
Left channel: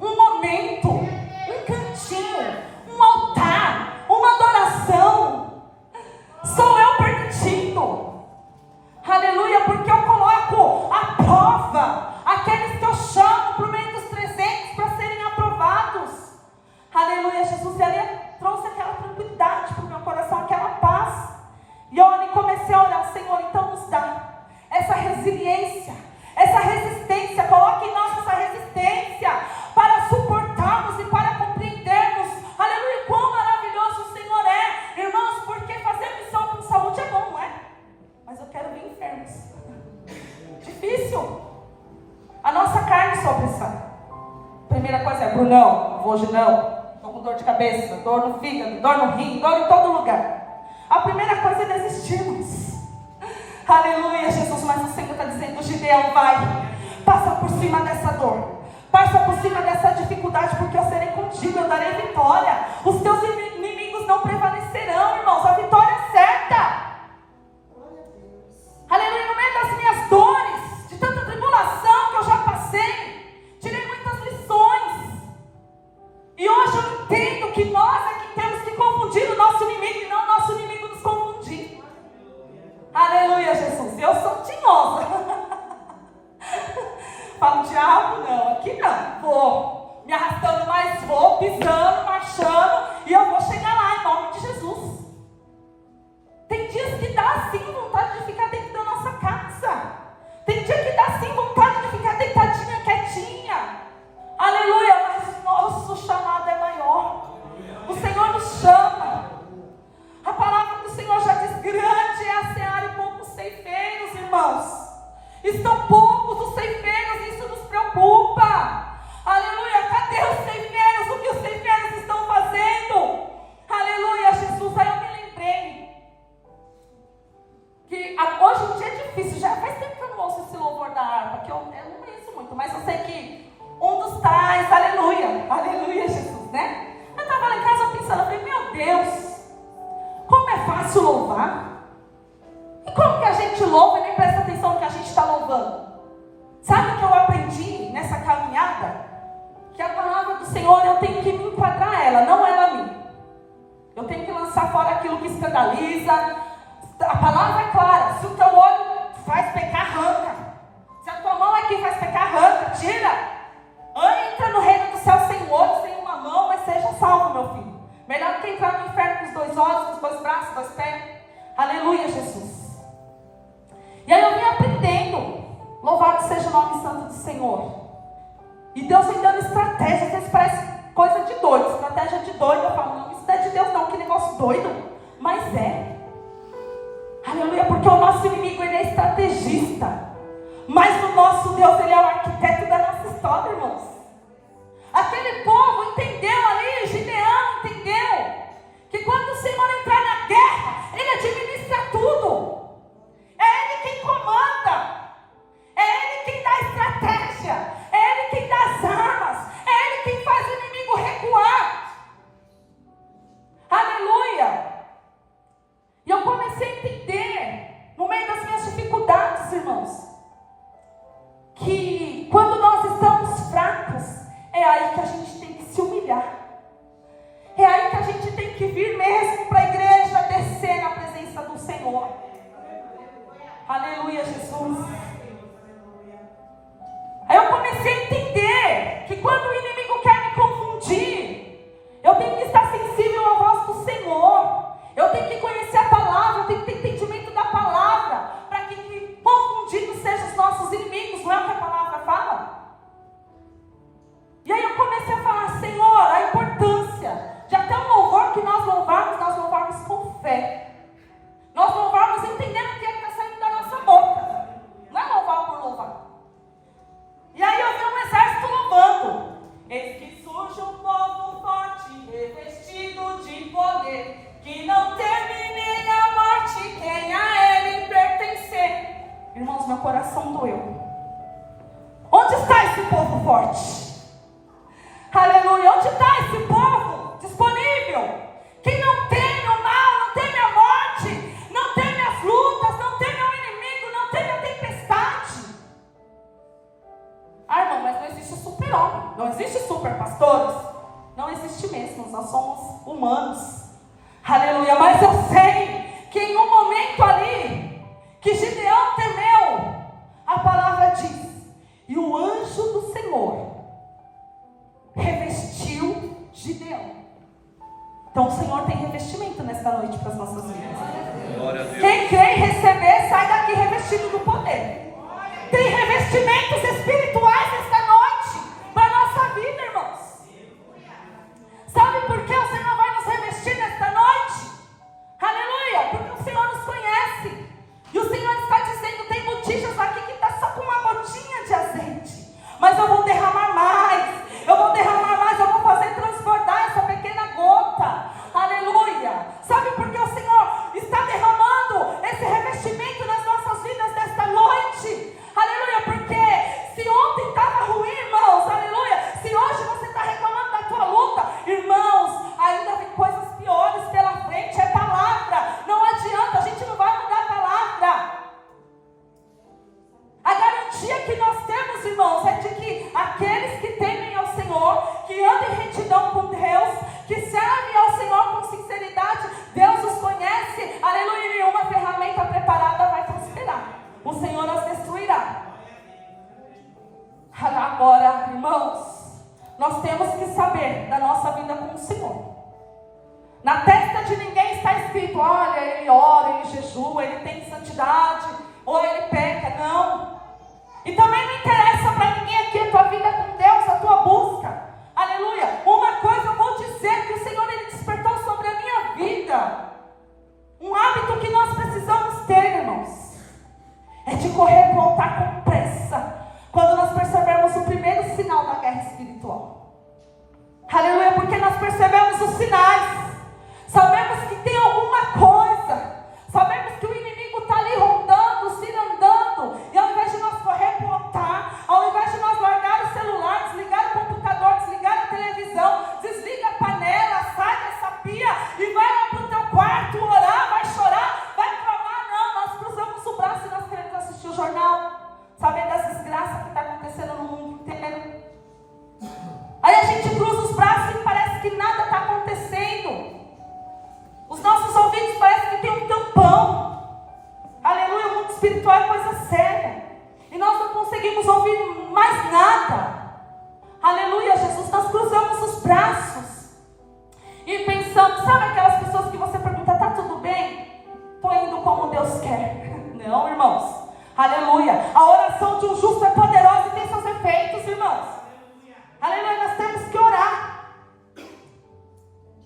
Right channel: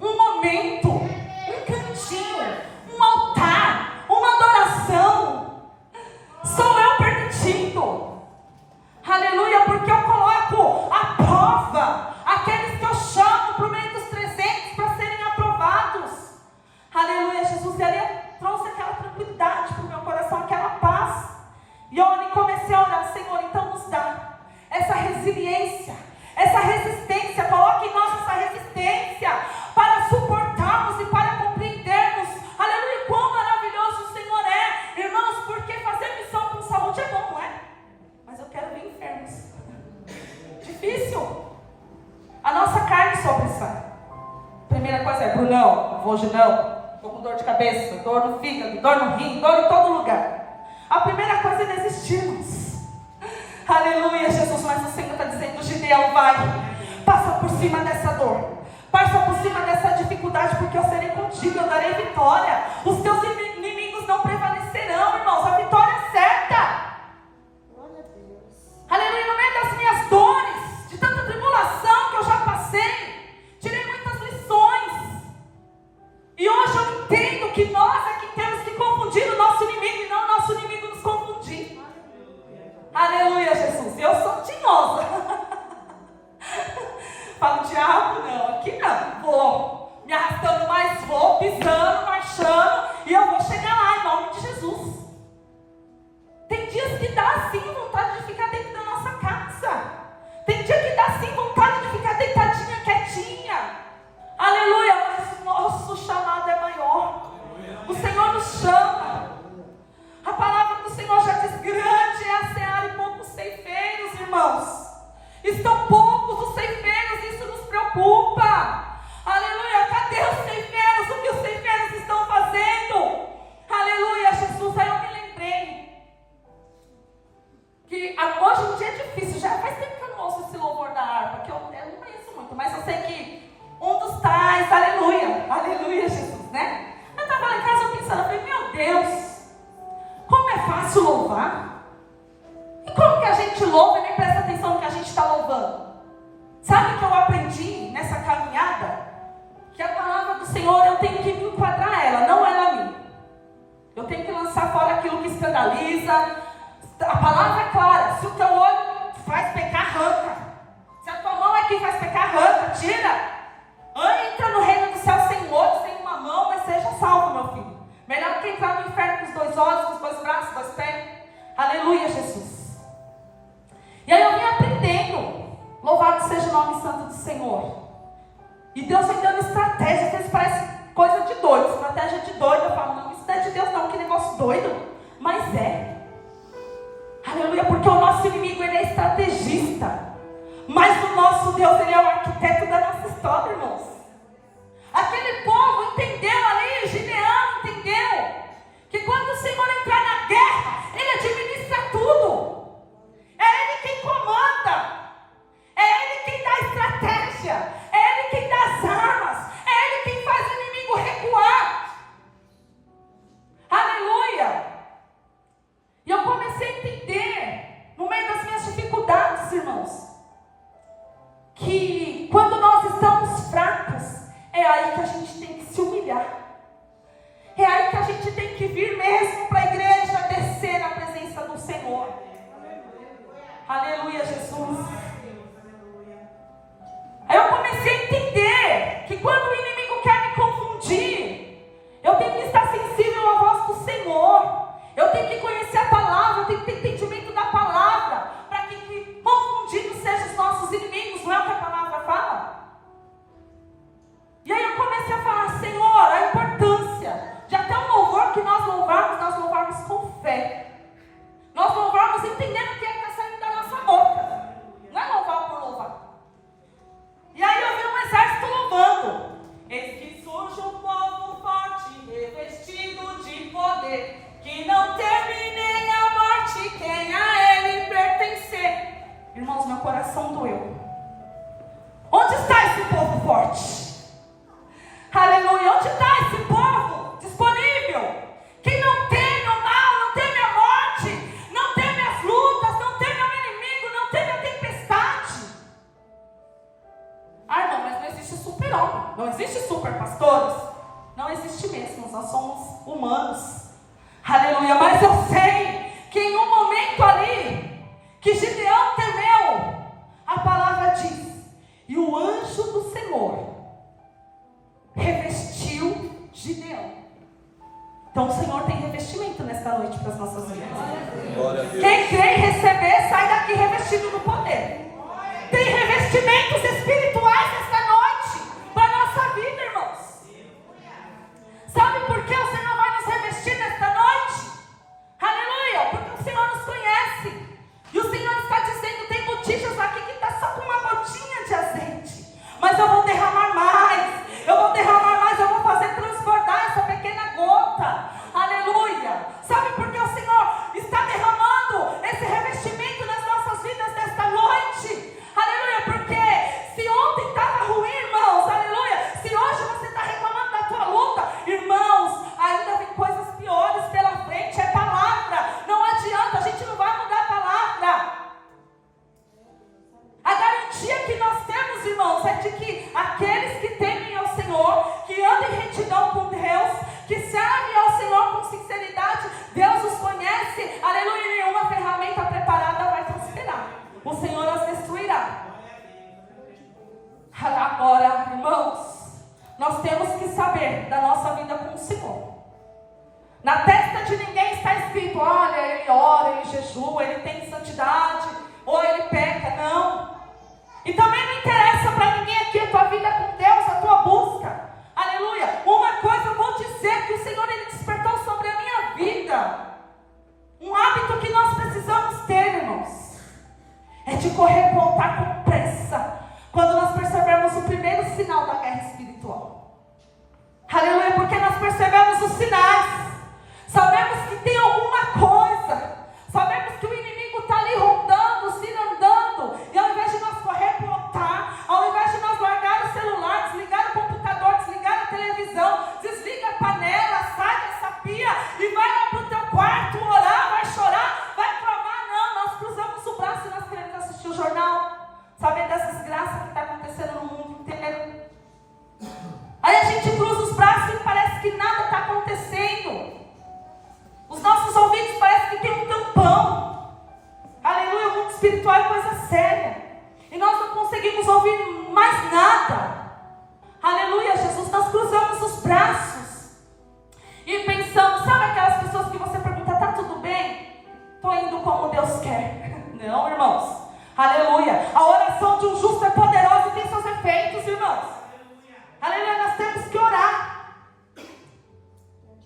um momento, um cantinho, um altar, uma adoração. Sou eu permitindo, aleluia, porque eu coloco à prova aqueles que eu chamo para o meio dos 300 para serem aprovados. Aleluia, Jesus. E ali trouxe aquela tranquilidade para o meu coração, aquela paz. E eu comecei a orar, Senhor, então nos dá essa resiliência, essa resistência. Coloque em nós essa resistência para suportarmos e para compreendermos, aleluia, quão maravilhoso o Senhor é. Irmãos, porque fazer missão com saúde é bom, não é? Mas eu quero ver enfermos. Difícil. A nossa carne sofre isso. Primeira coisa é, Brunão, hoje não. Estou com dor de cabeça, dor no fígado, dor no rim, dor em todo lugar. A primeira coisa é desistirmos. Aleluia, Jesus. Mas o Senhor está dizendo, Gideão, vai, passa por cima dessa dor, passa por cima dessa dificuldade, porque eu serei contigo, eu darei vitória. Os teus inimigos não prevalecerão, irmãos. A vitória é certa. Aleluia, no meio das minhas dores, de tanta tribulação que eu já passei, tirei muitas lições. E hoje eu entendo que nós é que temos que confundir o nosso inimigo e não o nosso inimigo nos confundir. Aleluia, Jesus. Eu sou tinhosa. Falo, diabo, não, aqui não. Vou me arrastando, mas vou pisando, marchando, e eu vou chegar lá em nome de Jesus. Tem dias que dá assim vontade de ficar dentro da nossa casa. Tem dia que dá assim vontade de ficar deitadinha, quietinha. Aleluia, mas o nosso chamado é maior. O Senhor nos chama. A palavra do Senhor já diz, grande é a seara e poucos ceifeiros, irmãos. Estão poucos os ceifeiros, isso nos preocupa. Aleluia, cadê os ceifeiros? O que os ceifeiros estão fazendo? Aleluia, Jesus. Aí eu me lembrei que hoje em dia é difícil, já faz tempo que eu não ouço esse louvor da harpa, que eu não conheço muito, mas eu sei que um dos tais, aleluia, Jesus, né? Eu estava lá em casa pensando, eu falei, meu Deus, como é fácil louvar. E como que a gente louva e nem presta atenção no que a gente está louvando? Sabe o que eu aprendi nessa caminhada? Que a palavra do Senhor, eu tenho que me enquadrar ela, não ela a mim. Eu tenho que lançar fora aquilo que escandaliza. A palavra é clara, se o teu olho faz pecar, arranca. Se a tua mão aqui faz pecar, arranca, tira. Entra no reino do céu sem olhos, sem uma mão, mas seja salvo, meu filho. Melhor do que entrar no inferno com os 2 olhos, com os 2 braços, 2 pés. Aleluia, Jesus. E aí eu vim aprendendo. Louvado seja o nome santo do Senhor. E Deus vem dando estratégia. Às vezes parece coisa de doido. Estratégia de doido. Eu falo, não, isso não é de Deus não, que negócio doido. Mas é. Aleluia, porque o nosso inimigo, ele é estrategista. Mas o nosso Deus, ele é o arquiteto da nossa história, irmãos. Aquele povo entendeu ali, Gideão entendeu, que quando o Senhor entrar na guerra, ele administra tudo. É ele quem comanda. É ele quem dá a estratégia. É ele quem dá as armas. É ele quem faz o inimigo recuar. Aleluia. E eu comecei a entender, no meio das minhas dificuldades, irmãos, que quando nós estamos fracos, é aí que a gente tem que se humilhar. É aí que a gente tem que vir mesmo para a igreja, descer na presença do Senhor. Aleluia, Jesus. Aí eu comecei a entender que quando o inimigo quer me confundir, eu tenho que estar sensível à voz do Senhor. Eu tenho que conhecer a palavra, eu tenho que ter entendimento da palavra, para que confundidos sejam os nossos inimigos, não é o que a palavra fala? E aí eu comecei a falar, Senhor, a importância de até um louvor que nós louvarmos com fé. Nós louvarmos entendendo o que é que está saindo da nossa boca. Não é louvar por louvar. E aí eu vi um exército louvando. Eis que surge um povo forte, revestido de poder, que não teme nem a morte quem a ele pertencer. Irmãos, meu coração doeu. Onde está esse povo forte? Aleluia, onde está esse povo disponível? Que não teme o mal, não teme a morte, não teme as lutas, não teme o inimigo, não teme a tempestade. Ah, irmão, mas não existe super-homem, não existe super-pastores. Não existe mesmo, nós somos humanos. Aleluia, mas eu sei que em um momento ali, que Gideão temeu, a palavra diz, e o anjo do Senhor revestiu Gideão. Então o Senhor tem revestimento nesta noite para as nossas vidas. Quem crê em receber, sai daqui revestido do poder. Tem revestimentos espirituais nesta noite para a nossa vida, irmãos. Sabe por que o Senhor vai nos revestir nesta noite? Aleluia, porque o Senhor nos conhece. E o Senhor está dizendo, tem botijas aqui que está só com uma gotinha de azeite, mas eu vou derramar mais. Eu vou derramar mais, eu vou fazer transbordar essa pequena gota. Aleluia. Sabe por que o Senhor está derramando esse revestimento nas nossas vidas nesta noite? Aleluia, porque se ontem estava ruim, irmãos, aleluia, se hoje você está reclamando da tua luta, irmãos, ainda vem coisas piores pela frente, é palavra. Não adianta, a gente não vai mudar a palavra. A garantia que nós temos, irmãos, é de que aqueles que temem ao Senhor, que andam em retidão com Deus, que servem ao Senhor com sinceridade, Deus os conhece, aleluia, e nenhuma ferramenta preparada vai prosperar. O Senhor os destruirá. Agora, irmãos, nós temos que saber da nossa vida com o Senhor. Na testa de ninguém está escrito, olha, ele ora, ele jejua, ele tem santidade, ou ele peca. Não. E também não interessa para ninguém aqui a tua vida com Deus, a tua busca. Aleluia. Uma coisa eu vou dizer, que o Senhor ele despertou sobre a minha vida. Um hábito que nós precisamos ter, irmãos, é de correr para o altar com pressa, quando nós percebemos o primeiro sinal da guerra espiritual. Aleluia, porque nós percebemos os sinais. Sabemos que tem alguma coisa. Sabemos que o inimigo está ali rondando, cirandando. E ao invés de nós correr para o altar, ao invés de nós largar o celular, desligar o computador, desligar a televisão, desliga a panela, sai dessa pia e vai lá para o teu quarto orar, vai chorar, vai clamar. Não, nós cruzamos o braço e nós queremos assistir o jornal, saber das desgraças que está acontecendo no mundo inteiro. Aí a gente cruza os braços e parece que nada está acontecendo. Os nossos ouvidos parecem que tem um tampão. Aleluia, o mundo espiritual é coisa séria. E nós não conseguimos ouvir mais nada. Aleluia, Jesus, nós cruzamos os braços e pensamos, sabe aquelas pessoas que você pergunta, tá tudo bem? Estou indo como Deus quer. Não, irmãos. Aleluia. A oração de um justo é poderosa e tem seus efeitos, irmãos. Aleluia, nós temos que orar.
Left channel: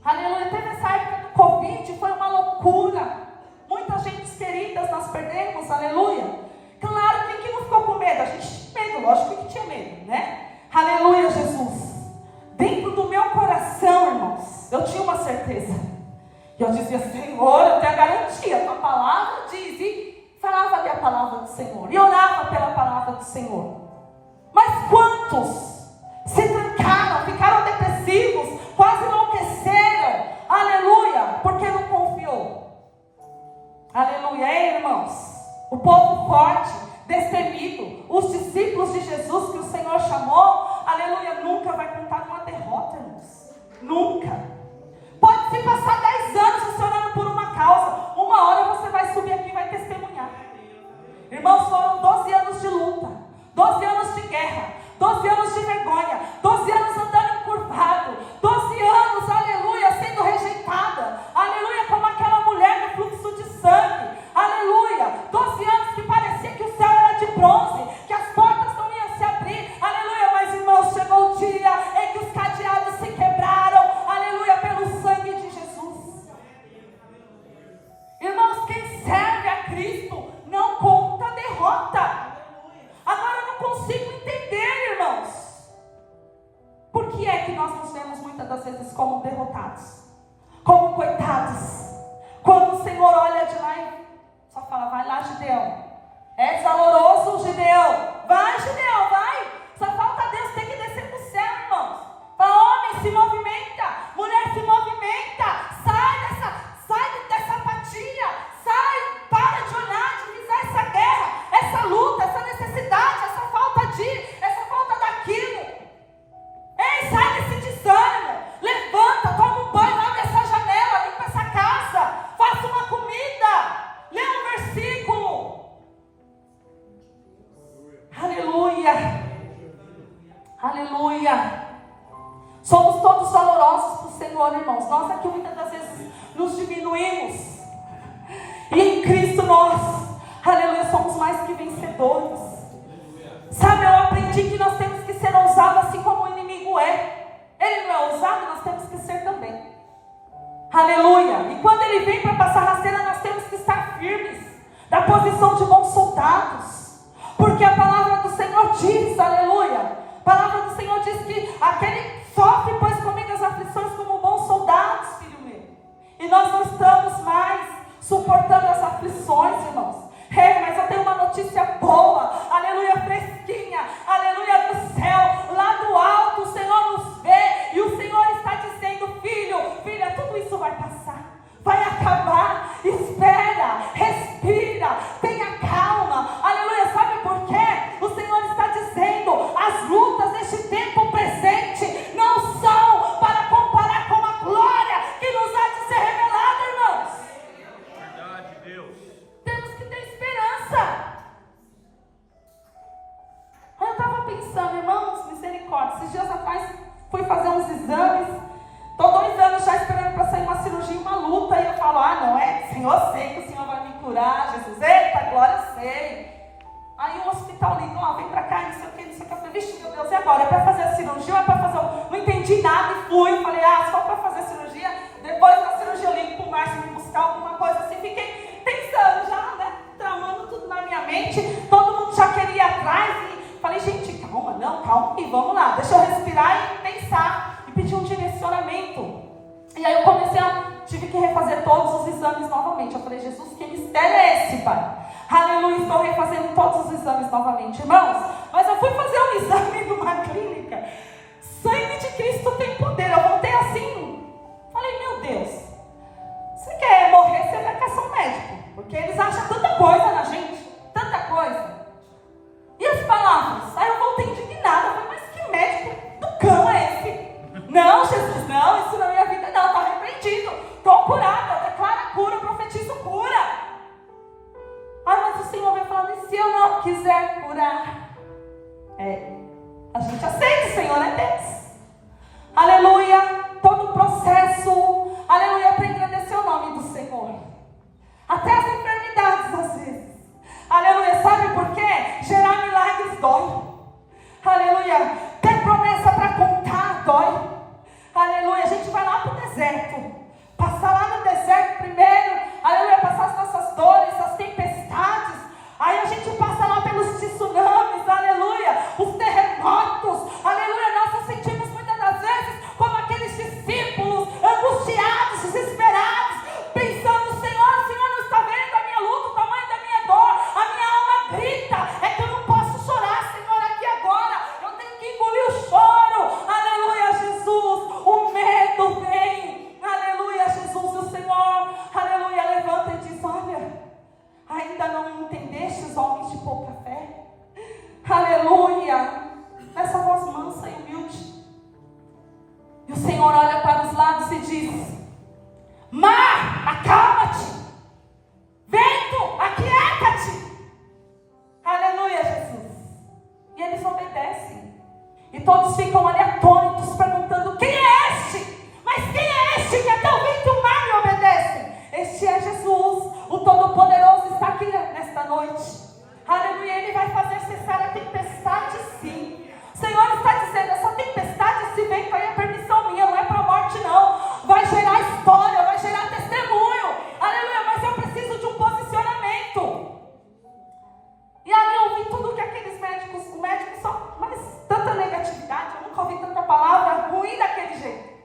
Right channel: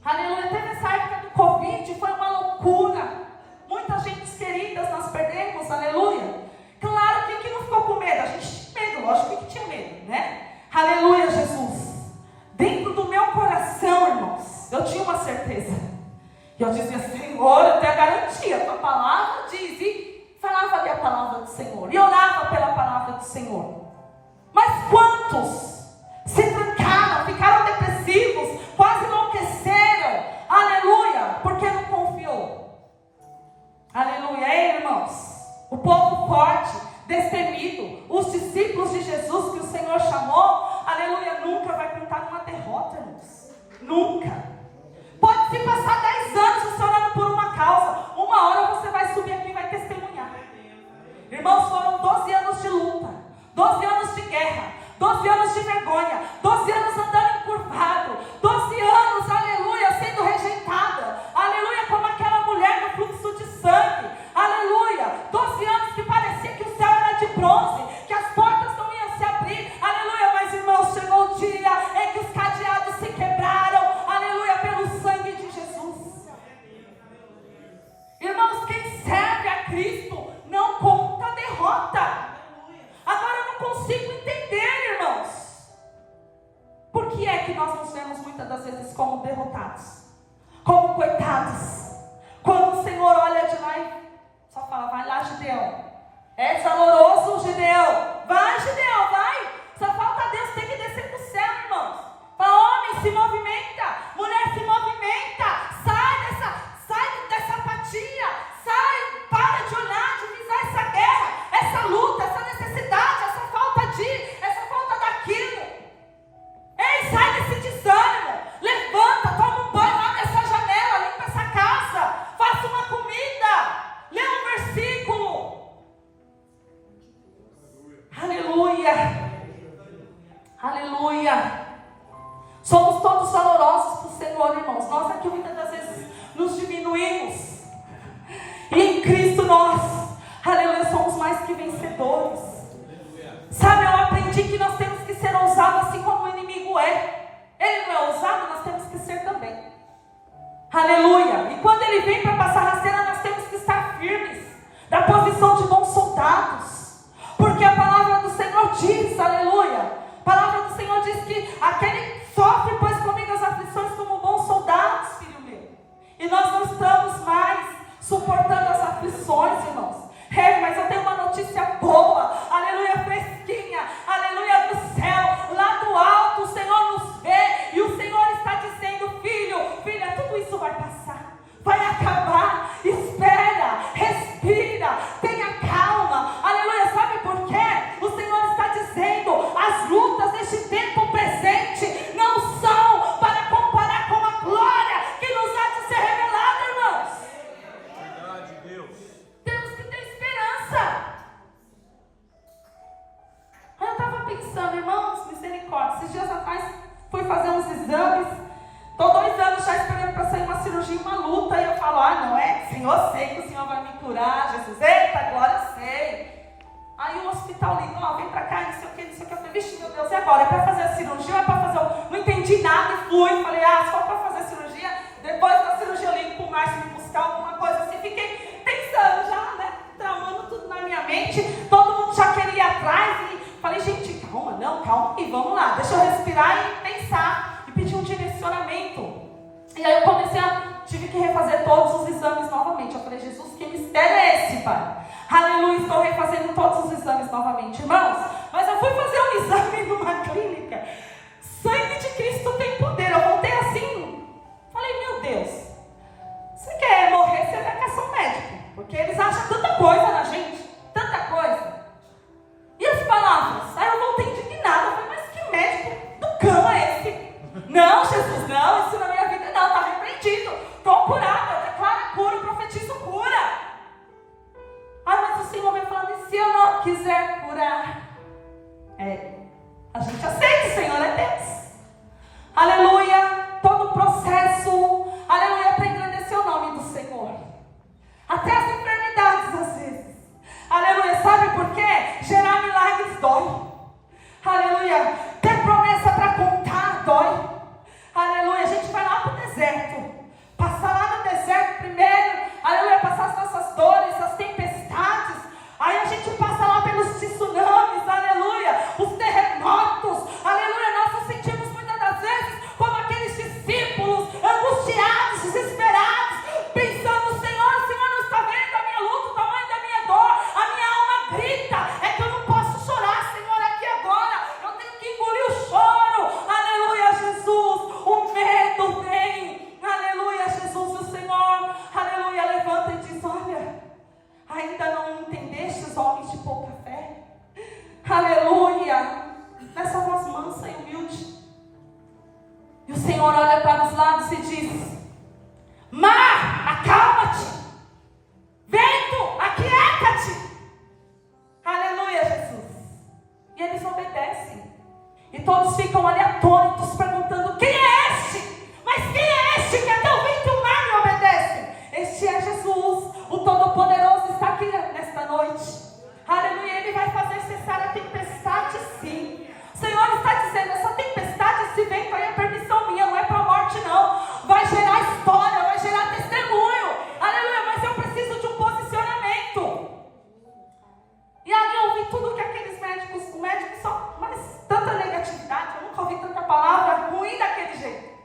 Aleluia, teve essa época do Covid, foi uma loucura. Muitas gentes queridas nós perdemos, aleluia. Claro que quem não ficou com medo? A gente tinha medo, lógico que tinha medo, né? Aleluia, Jesus. Dentro do meu coração, irmãos, eu tinha uma certeza. E eu dizia, Senhor, eu tenho a garantia, a tua palavra diz. E falava ali a palavra do Senhor. E orava pela palavra do Senhor. Mas quantos se trancaram, ficaram depressivos, quase enlouqueceram? Aleluia, porque não confiou. Aleluia, ei, irmãos. O povo forte, destemido, os discípulos de Jesus que o Senhor chamou, aleluia, nunca vai contar numa derrota, irmãos. Nunca. Pode se passar 10 anos você orando por uma causa, uma hora você vai subir aqui e vai testemunhar. derrotados, como coitados. Quando o Senhor olha de lá e só fala, vai lá, Gideão. É valoroso, Gideão. Vai, Gideão, vai. Só falta Deus ter que descer para o céu, irmãos. Fala, homem, se movimenta. Mulher, se movimenta. Sai dessa apatia. Sai, para de olhar, de visar essa guerra, essa luta, essa necessidade, essa falta daquilo. Ei, sai desse desânimo. Levanta, toma um banho, abre essa janela, limpa essa casa, faça uma comida, lê um versículo. Aleluia. Aleluia. Somos todos valorosos para o Senhor, irmãos. Nós aqui muitas das vezes nos diminuímos. E em Cristo nós, aleluia, somos mais que vencedores. Sabe, eu aprendi que nós temos que ser ousados assim como o inimigo é. Ele não é ousado, nós temos que ser também. Aleluia. E quando ele vem para passar rasteira, nós temos que estar firmes, da posição de bons soldados. Porque a palavra do Senhor diz, aleluia, a palavra do Senhor diz que aquele sofre, pois comigo as aflições como bons soldados, filho meu. E nós não estamos mais suportando as aflições, irmãos. Mas eu tenho uma notícia boa, aleluia, fresquinha, aleluia, do céu, lá do alto, o Senhor nos vê, e o Senhor está dizendo, filha, tudo isso vai passar, vai acabar, espera, respira, tenha calma, aleluia. Sabe por quê? O Senhor está dizendo, as lutas deste tempo presente não são para comparar com a glória que nos há de ser revelada, irmãos. Verdade, Deus. Temos que ter esperança. Eu estava pensando, irmãos, misericórdia, esses dias atrás fui fazer uns exames, estou 2 anos já esperando para sair uma cirurgia, uma luta, e eu falo, não é, Senhor, sei que o Senhor vai me curar, Jesus, eita, glória, eu sei. Aí o hospital ligou, vem pra cá, não sei o que, eu falei, vixe, meu Deus, e agora? É pra fazer a cirurgia ou é pra fazer não entendi nada e fui, falei, só pra fazer a cirurgia, depois da cirurgia eu ligo pro Márcio me buscar alguma coisa assim, fiquei pensando já, né, tramando tudo na minha mente, todo mundo já queria ir atrás, e falei, gente, calma e vamos lá, deixa eu respirar e pensar, e pedir um direcionamento. E aí eu tive que refazer todos os exames novamente. Eu falei, Jesus, que mistério é esse, Pai? Aleluia, estou refazendo todos os exames novamente, irmãos. Mas eu fui fazer um exame numa clínica. Sangue de Cristo tem poder. Eu voltei assim, falei, meu Deus, você quer morrer, você vai caçar um médico, porque eles acham tanta coisa na gente, tanta coisa. E as palavras? Aí eu voltei indignada. Eu falei, mas que médico do cão é esse? Não, Jesus, não, isso na minha vida não, está repreendido. Estou curada, eu declaro a cura, eu profetizo cura. Mas o Senhor vem falando, e se eu não quiser curar? A gente aceita, o Senhor é Deus. Aleluia, todo o processo, aleluia, para engrandecer o nome do Senhor. Até as enfermidades, às vezes. Aleluia, sabe por quê? Gerar milagres dói. Aleluia, ter promessa para contar dói. Aleluia, a gente vai lá para o deserto. Passar lá no deserto primeiro. Aleluia, passar as nossas dores, as tempestades. Aí a gente passa lá pelos tsunamis. Aleluia, os terremotos. Aleluia, nós nos sentimos muitas das vezes como aqueles discípulos angustiados, desesperados, pensando, o Senhor não está vendo a minha luta, o tamanho da minha dor, a minha alma grita, é que eu não posso chorar, Senhor, aqui agora, eu tenho que engolir o choro. Aleluia, Jesus, o medo vem. Aleluia, Jesus, o Senhor, aleluia, levanta e diz, olha, ainda não entendestes, homens de pouca fé? Aleluia, nessa voz mansa e humilde. E o Senhor olha para os lados e diz, mar, acalma-te, vento, aquieta-te. Aleluia, Jesus. E eles obedecem. E todos ficam ali atônitos, perguntando, quem é este? Mas quem é este que até o vento e o mar me obedecem? Este é Jesus, o Todo-Poderoso está aqui nesta noite. Aleluia, Ele vai fazer cessar a tempestade, sim. O Senhor está dizendo, essa tempestade, esse vento aí é permissão minha, não é para a morte não. Vai gerar história, vai gerar testemunho. Aleluia, mas eu preciso de um posicionamento. E ali eu ouvi tudo que aqueles médicos, o médico só, mas tanta negatividade, eu nunca ouvi tanta palavra ruim daquele jeito.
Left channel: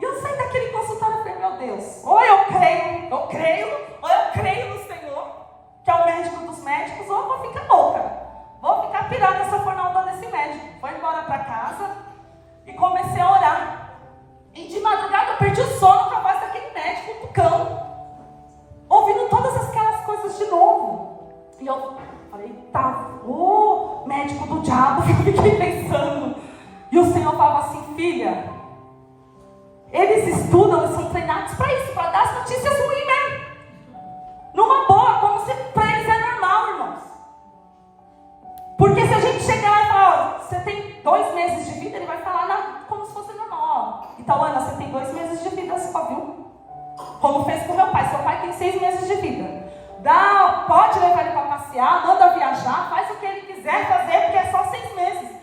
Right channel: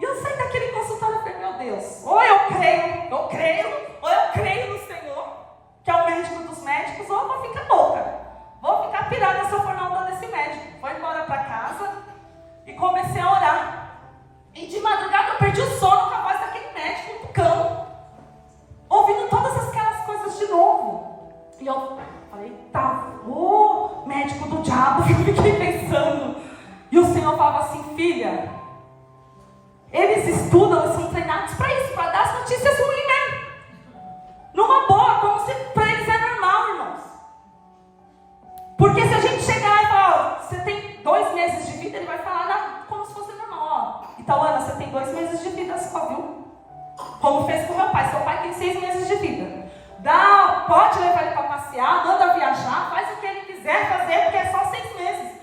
E eu saí daqui Deus, ou eu creio, ou eu creio no Senhor, que é o médico dos médicos, ou eu vou ficar louca, vou ficar pirando se eu for na onda desse médico. Vou embora para casa e comecei a orar. E de madrugada eu perdi o sono com a voz daquele médico do cão, ouvindo todas aquelas coisas de novo. E eu falei, tá, o médico do diabo, eu fiquei pensando. E o Senhor falava assim, filha, eles estudam e são treinados para isso, para dar as notícias ruins mesmo. Numa boa, como se para eles é normal, irmãos. Porque se a gente chegar lá e falar, você tem 2 meses de vida, ele vai falar como se fosse normal. Ó, então, Ana, você tem 2 meses de vida só, viu? Como fez com meu pai. Seu pai tem 6 meses de vida. Pode levar ele para passear, manda viajar, faz o que ele quiser fazer, porque é só 6 meses.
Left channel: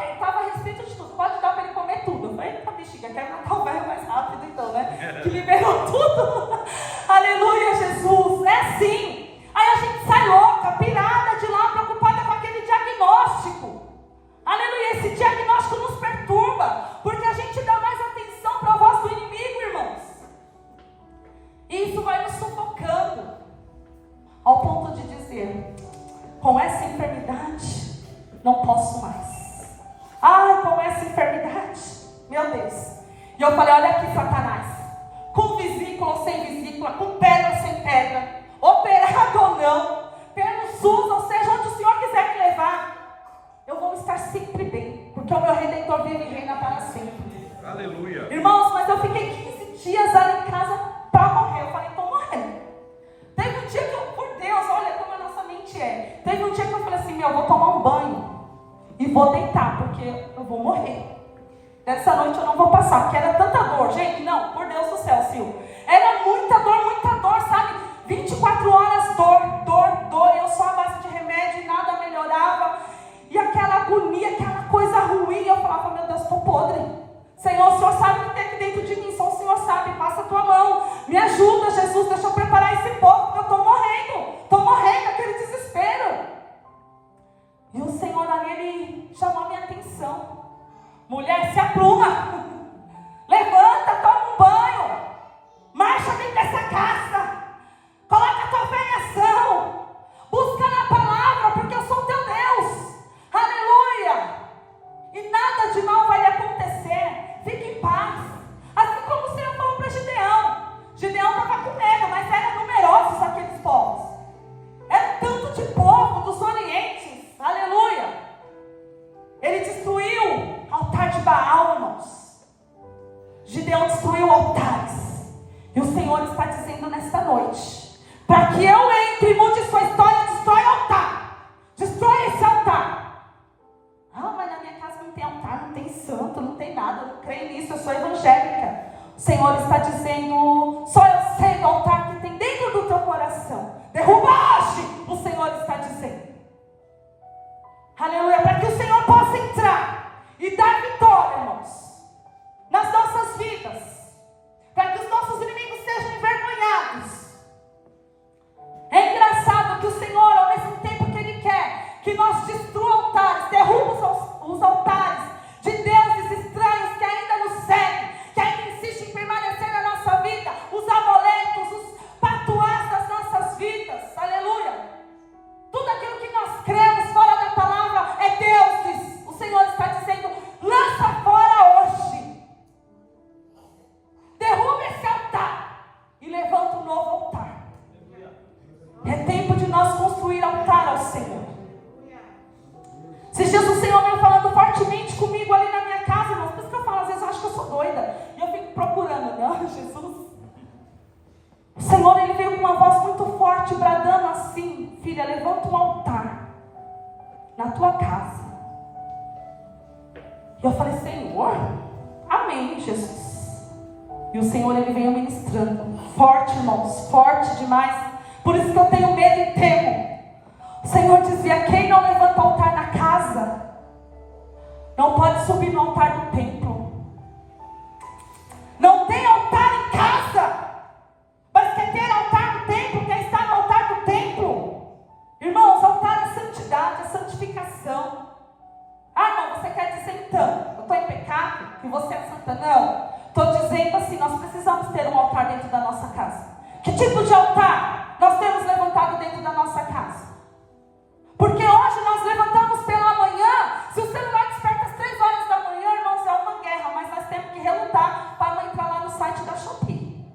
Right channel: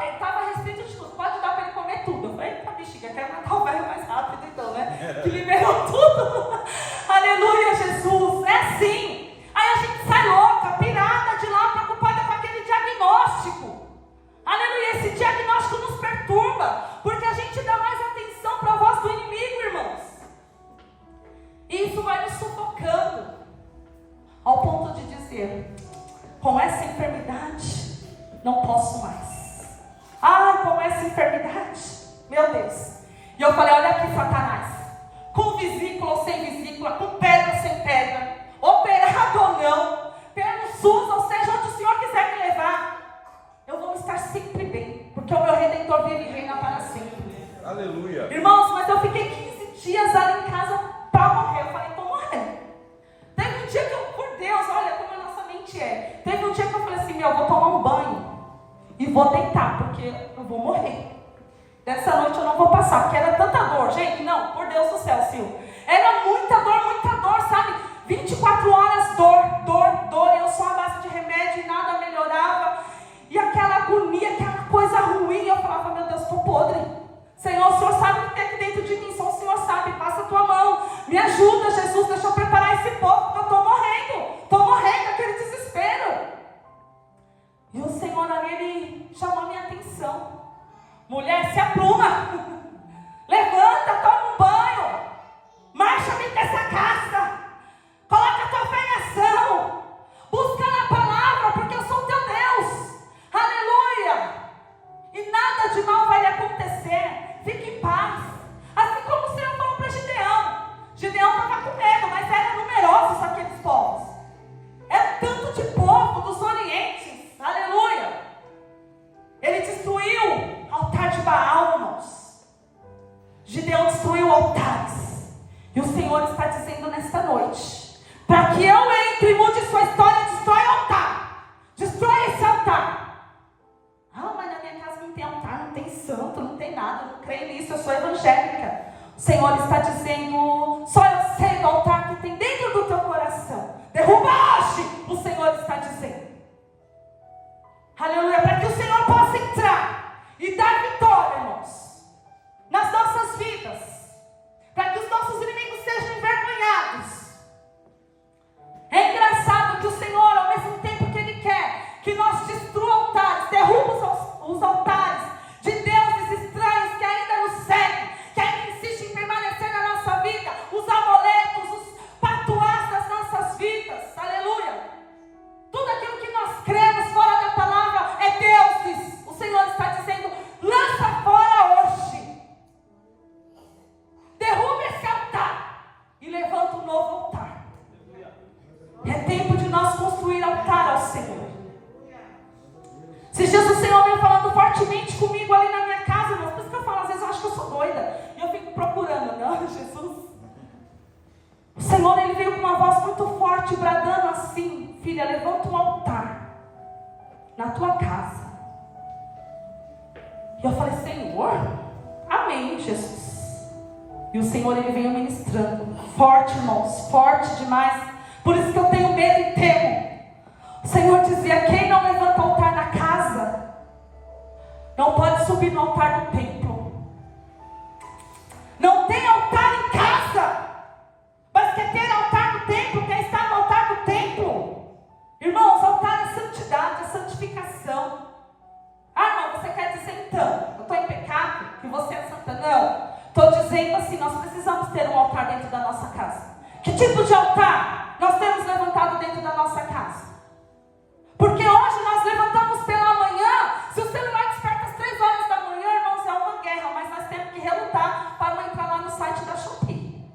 Ele estava restrito de tudo, pode dar para ele comer tudo. Eu falei, eita bexiga, quero matar o velho mais rápido então, né? Que liberou tudo. Aleluia, Jesus. É assim. Aí a gente sai louca, pirada de lá, preocupada com aquele diagnóstico. Aleluia, esse diagnóstico nos perturba, porque a gente dá mais atenção para a voz do inimigo, irmãos. E isso vai nos sufocando, ao ponto de dizer, com essa enfermidade, não posso mais. Com essa enfermidade, meu Deus. E eu falei, olha aqui, Satanás, com vesícula ou sem vesícula, com pedra ou sem pedra, operado ou não, pelo SUS, ou seja, onde o Senhor quiser me levar, eu vou estar sempre bem, porque o meu Redentor vive e reina para sempre. Aleluia. Irmãos, mas eu fiquei 15 dias ali em casa para morrer. Eu falei, estou morrendo. Teve um dia que eu, por Deus, olha como a nossa mente é. Teve um dia que eu falei assim, eu vou tomar um banho e vou deitar, porque eu vou morrer. Dessa noite eu não vou passar, porque era tanta dor. Gente, não, por Deus do céu, Sil. Era muita dor, sabe? 24 horas dor. Eu só à base de remédio e nada melhorava. E aquela agonia, aquela coisa ruim. Eu falava, meu Deus, estou podre. Senhor, o Senhor sabe o que tem aqui dentro de mim. Só o Senhor sabe, passa a tua mão. Me ajuda, Jesus, deixa eu preparar esse povo, porque eu estou morrendo, aquele desespero. E o Senhor ali, ele chamou a minha atenção. Mulher, se apruma. Levanta, toma um banho. Marcha dentro dessa casa. Coloca a tua fé em ação. Busca na palavra, porque eu sou teu Deus. Aleluia. E nada de mal vai lhe acontecer. Fique em paz. Assim como o Senhor falou para Gideão. Gideão estava com medo, mas eram numerosos aqueles povos. Era tanto de povo dos orientes. Aleluia. Ele destruiu o altar de Baal, irmãos. Gideão destruiu altares. E o Senhor está dizendo nesta noite, para que eu entre e mude sua história, destrói o altar. Destrói esse altar. Mas na minha casa não tem altar, não tem santo, não tem nada. Eu não creio nisso, eu sou evangélica. O Senhor está dizendo, só eu sei do altar que tem dentro do teu coração. Derruba hoje, o Senhor está dizendo. Aleluia, para que o Senhor possa entrar e dar vitória, irmãos, nas nossas vidas, para que os nossos inimigos sejam envergonhados. É engraçado que o Senhor, ao mesmo tempo que Ele quer que nós destrua altares, derruba os altares de deuses estranhos que ainda nos seguem, que ainda insistem em permanecer na nossa vida, os amuletos, os patuás das nossas vidas, aleluia. Tudo aquilo que nós cremos fora da palavra é deuses. O Senhor está dizendo, lança fora hoje. Derruba esse altar e levanta um novo altar. É tempo de nós construir altar ao Senhor. Esses dias o Senhor veio falando fortemente comigo ali na minha casa, irmãos. Por isso que eu falo, às vezes eu acho que eu sou doida. E eu fico procurando, não, Jesus. O Senhor, Ele veio com uma voz muito forte, bradando assim, filha, levanta um altar na tua casa. E eu falei, Senhor, amém, Jesus. E o Senhor, Ele veio ministrando, forte, irmãos, forte demais. Por isso que eu tenho medo e temo. O Senhor dizia, quem não levanta altar na casa, não pode subir no altar do templo. Não tem altar em casa, mas quer ter altar do templo, quer estar no altar do templo. Irmãos, altar é santidade, é santificação. Irmão, você quer dizer então, eu estou em pecado, que você é santa? Não. Estou dizendo assim, nós precisamos ter um altar dentro Que tipo de altar nós temos levantado dentro da nossa casa? Porque hoje nós levantamos pela manhã. Se o celular desperta às 3 horas da manhã, irmãos, é uma guerra. Mas nós temos que relutar para não entrar lá no site da Shopee.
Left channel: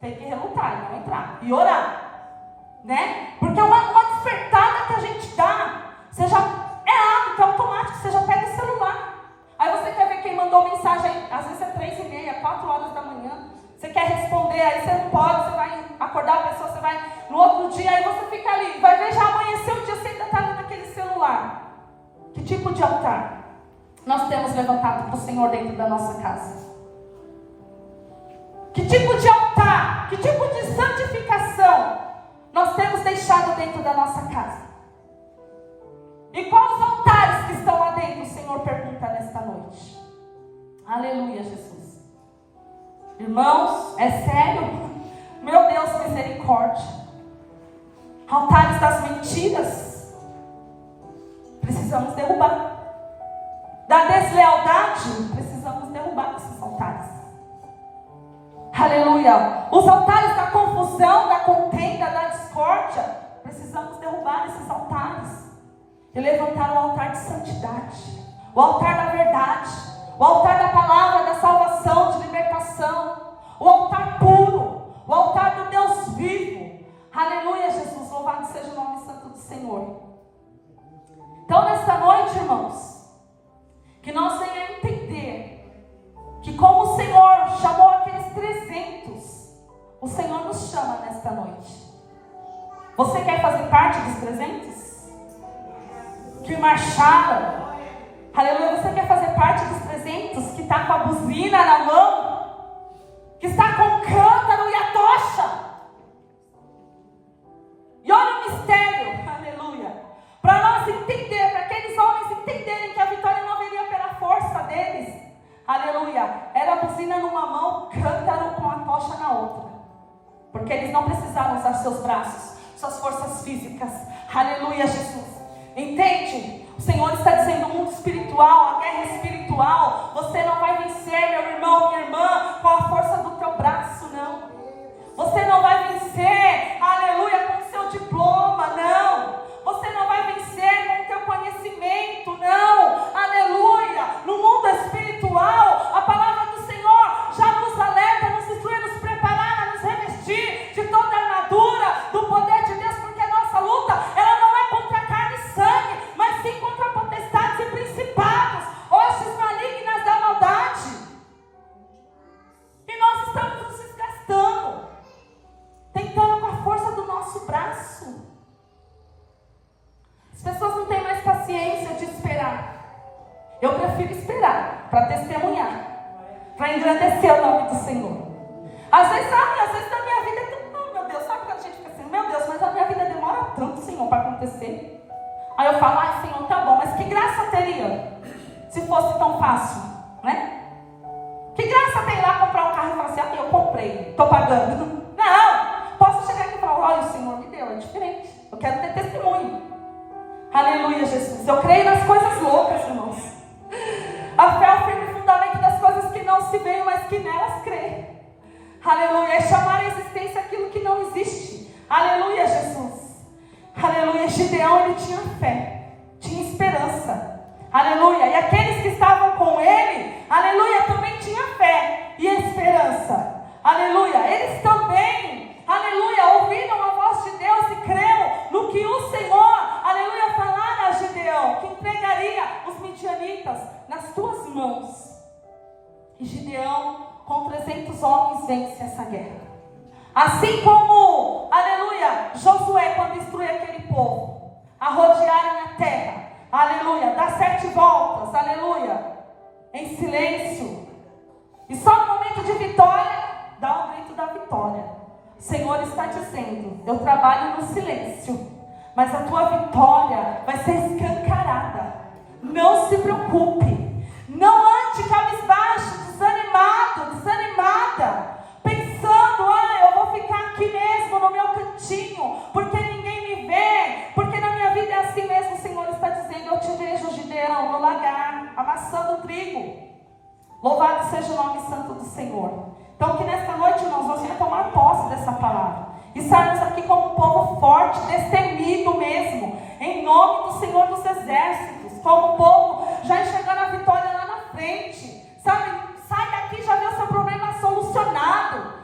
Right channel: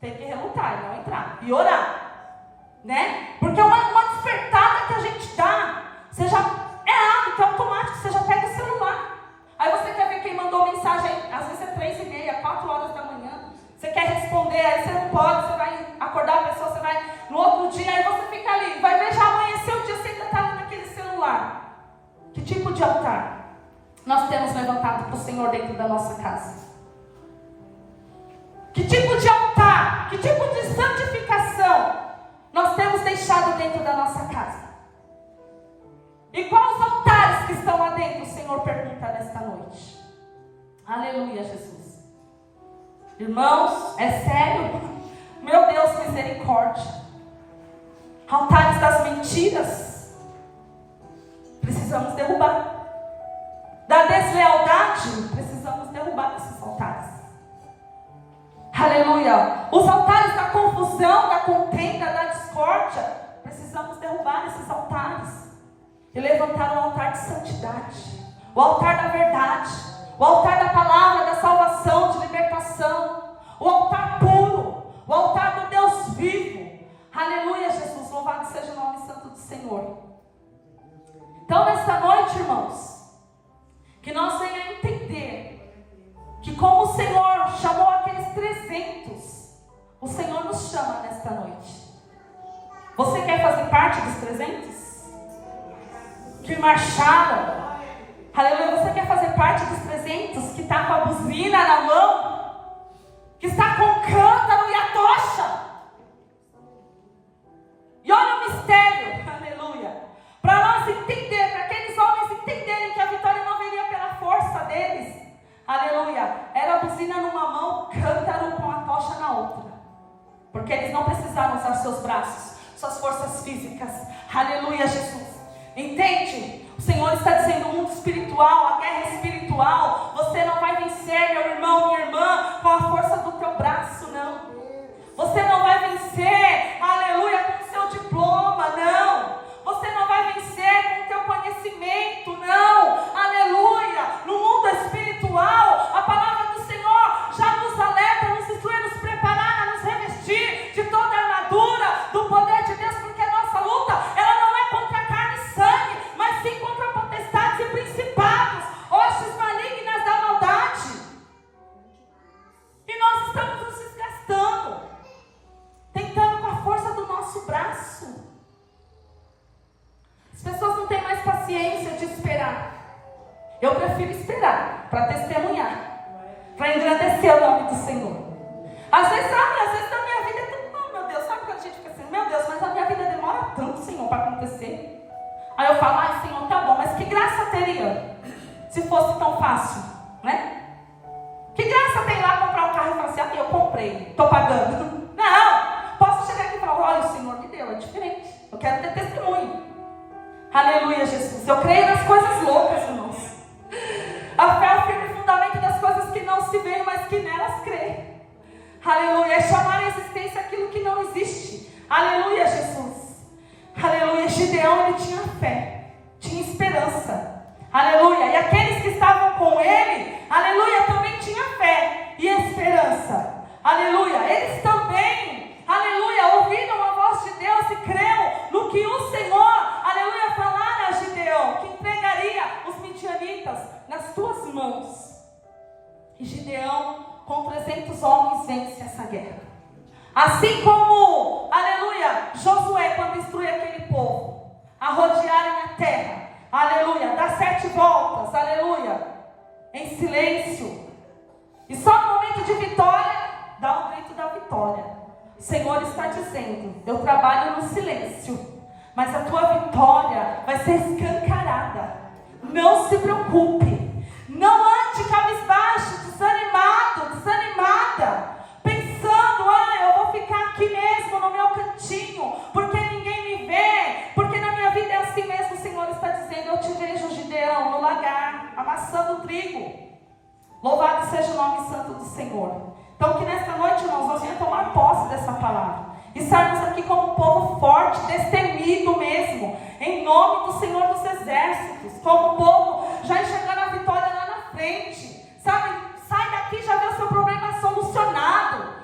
Tem que relutar e não entrar. E orar. Né? Porque é uma despertada que a gente dá. Você já é hábito, é automático. Você já pega o celular. Aí você quer ver quem mandou mensagem aí. Às vezes é 3h30, 4 horas da manhã. Você quer responder, aí você não pode. Você vai acordar a pessoa, você vai no outro dia. Aí você fica ali. Vai ver, já amanheceu o dia, você ainda está ali naquele celular. Que tipo de altar nós temos levantado para o Senhor dentro da nossa casa? Que tipo de altar, que tipo de santificação nós temos deixado dentro da nossa casa? E quais os altares que estão lá dentro? O Senhor pergunta nesta noite. Aleluia, Jesus. Irmãos, é sério? Meu Deus, misericórdia. Altares das mentiras. Precisamos derrubar. Da deslealdade. Precisamos derrubar esses altares. Aleluia. Os altares da confusão, da contenda, da discórdia. Precisamos derrubar esses altares. E levantar o altar de santidade. O altar da verdade. O altar da palavra, da salvação, de libertação. O altar puro. O altar do Deus vivo. Aleluia, Jesus. Louvado seja o nome santo do Senhor. Então, nesta noite, irmãos, que nós venhamos entender que como o Senhor chamou aqueles 300, o Senhor nos chama nesta noite. Você quer fazer parte dos 300? Que marcharam? Aleluia, você quer fazer parte dos 300 que está com a buzina na mão? Que está com o cântaro e a tocha? E olha o mistério, aleluia. Para nós entender, para aqueles homens entenderem que a vitória não viria pela força deles. Aleluia. Era a buzina numa mão, cântaro com a tocha na outra. Porque eles não precisaram usar seus braços, suas forças físicas. Aleluia, Jesus. Entende? O Senhor está dizendo, o mundo espiritual, a guerra espiritual, você não vai vencer, meu irmão, minha irmã, com a força do teu braço, não. Você não vai vencer, aleluia, com o seu diploma, não. Você não vai vencer com o teu conhecimento, não. Aleluia. No mundo espiritual, a palavra do Senhor já nos alerta, nos instrui, nos preparar, a nos revestir de toda a armadura do poder de Deus, porque a nossa luta, ela não é contra carne e sangue, mas sim contra potestades e principados, hostes malignas da maldade. E nós estamos nos desgastando, tentando com a força do nosso braço. As pessoas não têm mais paciência de esperar. Eu prefiro esperar para testemunhar, para engrandecer o nome do Senhor. Às vezes a minha vida é tão... Oh, meu Deus, sabe quando a gente fica assim? Meu Deus, mas a minha vida demora tanto, Senhor, para acontecer. Aí eu falo, ai, Senhor, tá bom, mas que graça teria se fosse tão fácil, né? Que graça tem lá comprar um carro e falar assim, ah, eu comprei, estou pagando. Não, posso chegar aqui e falar, olha, o Senhor me deu, é diferente. Eu quero ter testemunho. Aleluia, Jesus. Eu creio nas coisas loucas, irmãos. A fé é o firme fundamento das coisas que não se veem, mas que nelas crê. Aleluia. É chamar a existência aquilo que não existe. Aleluia, Jesus. Aleluia. Gideão, ele tinha fé, tinha esperança. Aleluia. E aqueles que estavam com ele, aleluia, também tinham fé e esperança. Aleluia. Eles também, aleluia, ouviram a voz de Deus e creram no que o Senhor, aleluia, falara a Gideão, que entregaria os midianitas nas tuas mãos. E Gideão, com 300 homens, vence essa guerra. Assim como, aleluia, Josué, quando instrui aquele povo a rodearem a terra, aleluia, dá 7 voltas, aleluia, em silêncio. E só no momento de vitória, dá um grito da vitória. O Senhor está dizendo, eu trabalho no silêncio, mas a tua vitória vai ser escancarada. Não se preocupe. Não ande cabisbaixo, desanimada, pensando, eu vou ficar aqui mesmo no meu cantinho, porque ninguém me vê, porque na minha vida é assim mesmo. O Senhor está dizendo, eu te vejo, Gideão, no lagar, amassando trigo. Louvado seja o nome santo do Senhor. Então que nesta noite, irmãos, nós venhamos tomar tomar posse dessa palavra. E sairmos aqui como um povo forte, destemido mesmo, em nome do Senhor dos Exércitos, como um povo já enxergando a vitória lá na frente, sabe? Sai daqui, já vê o seu problema solucionado.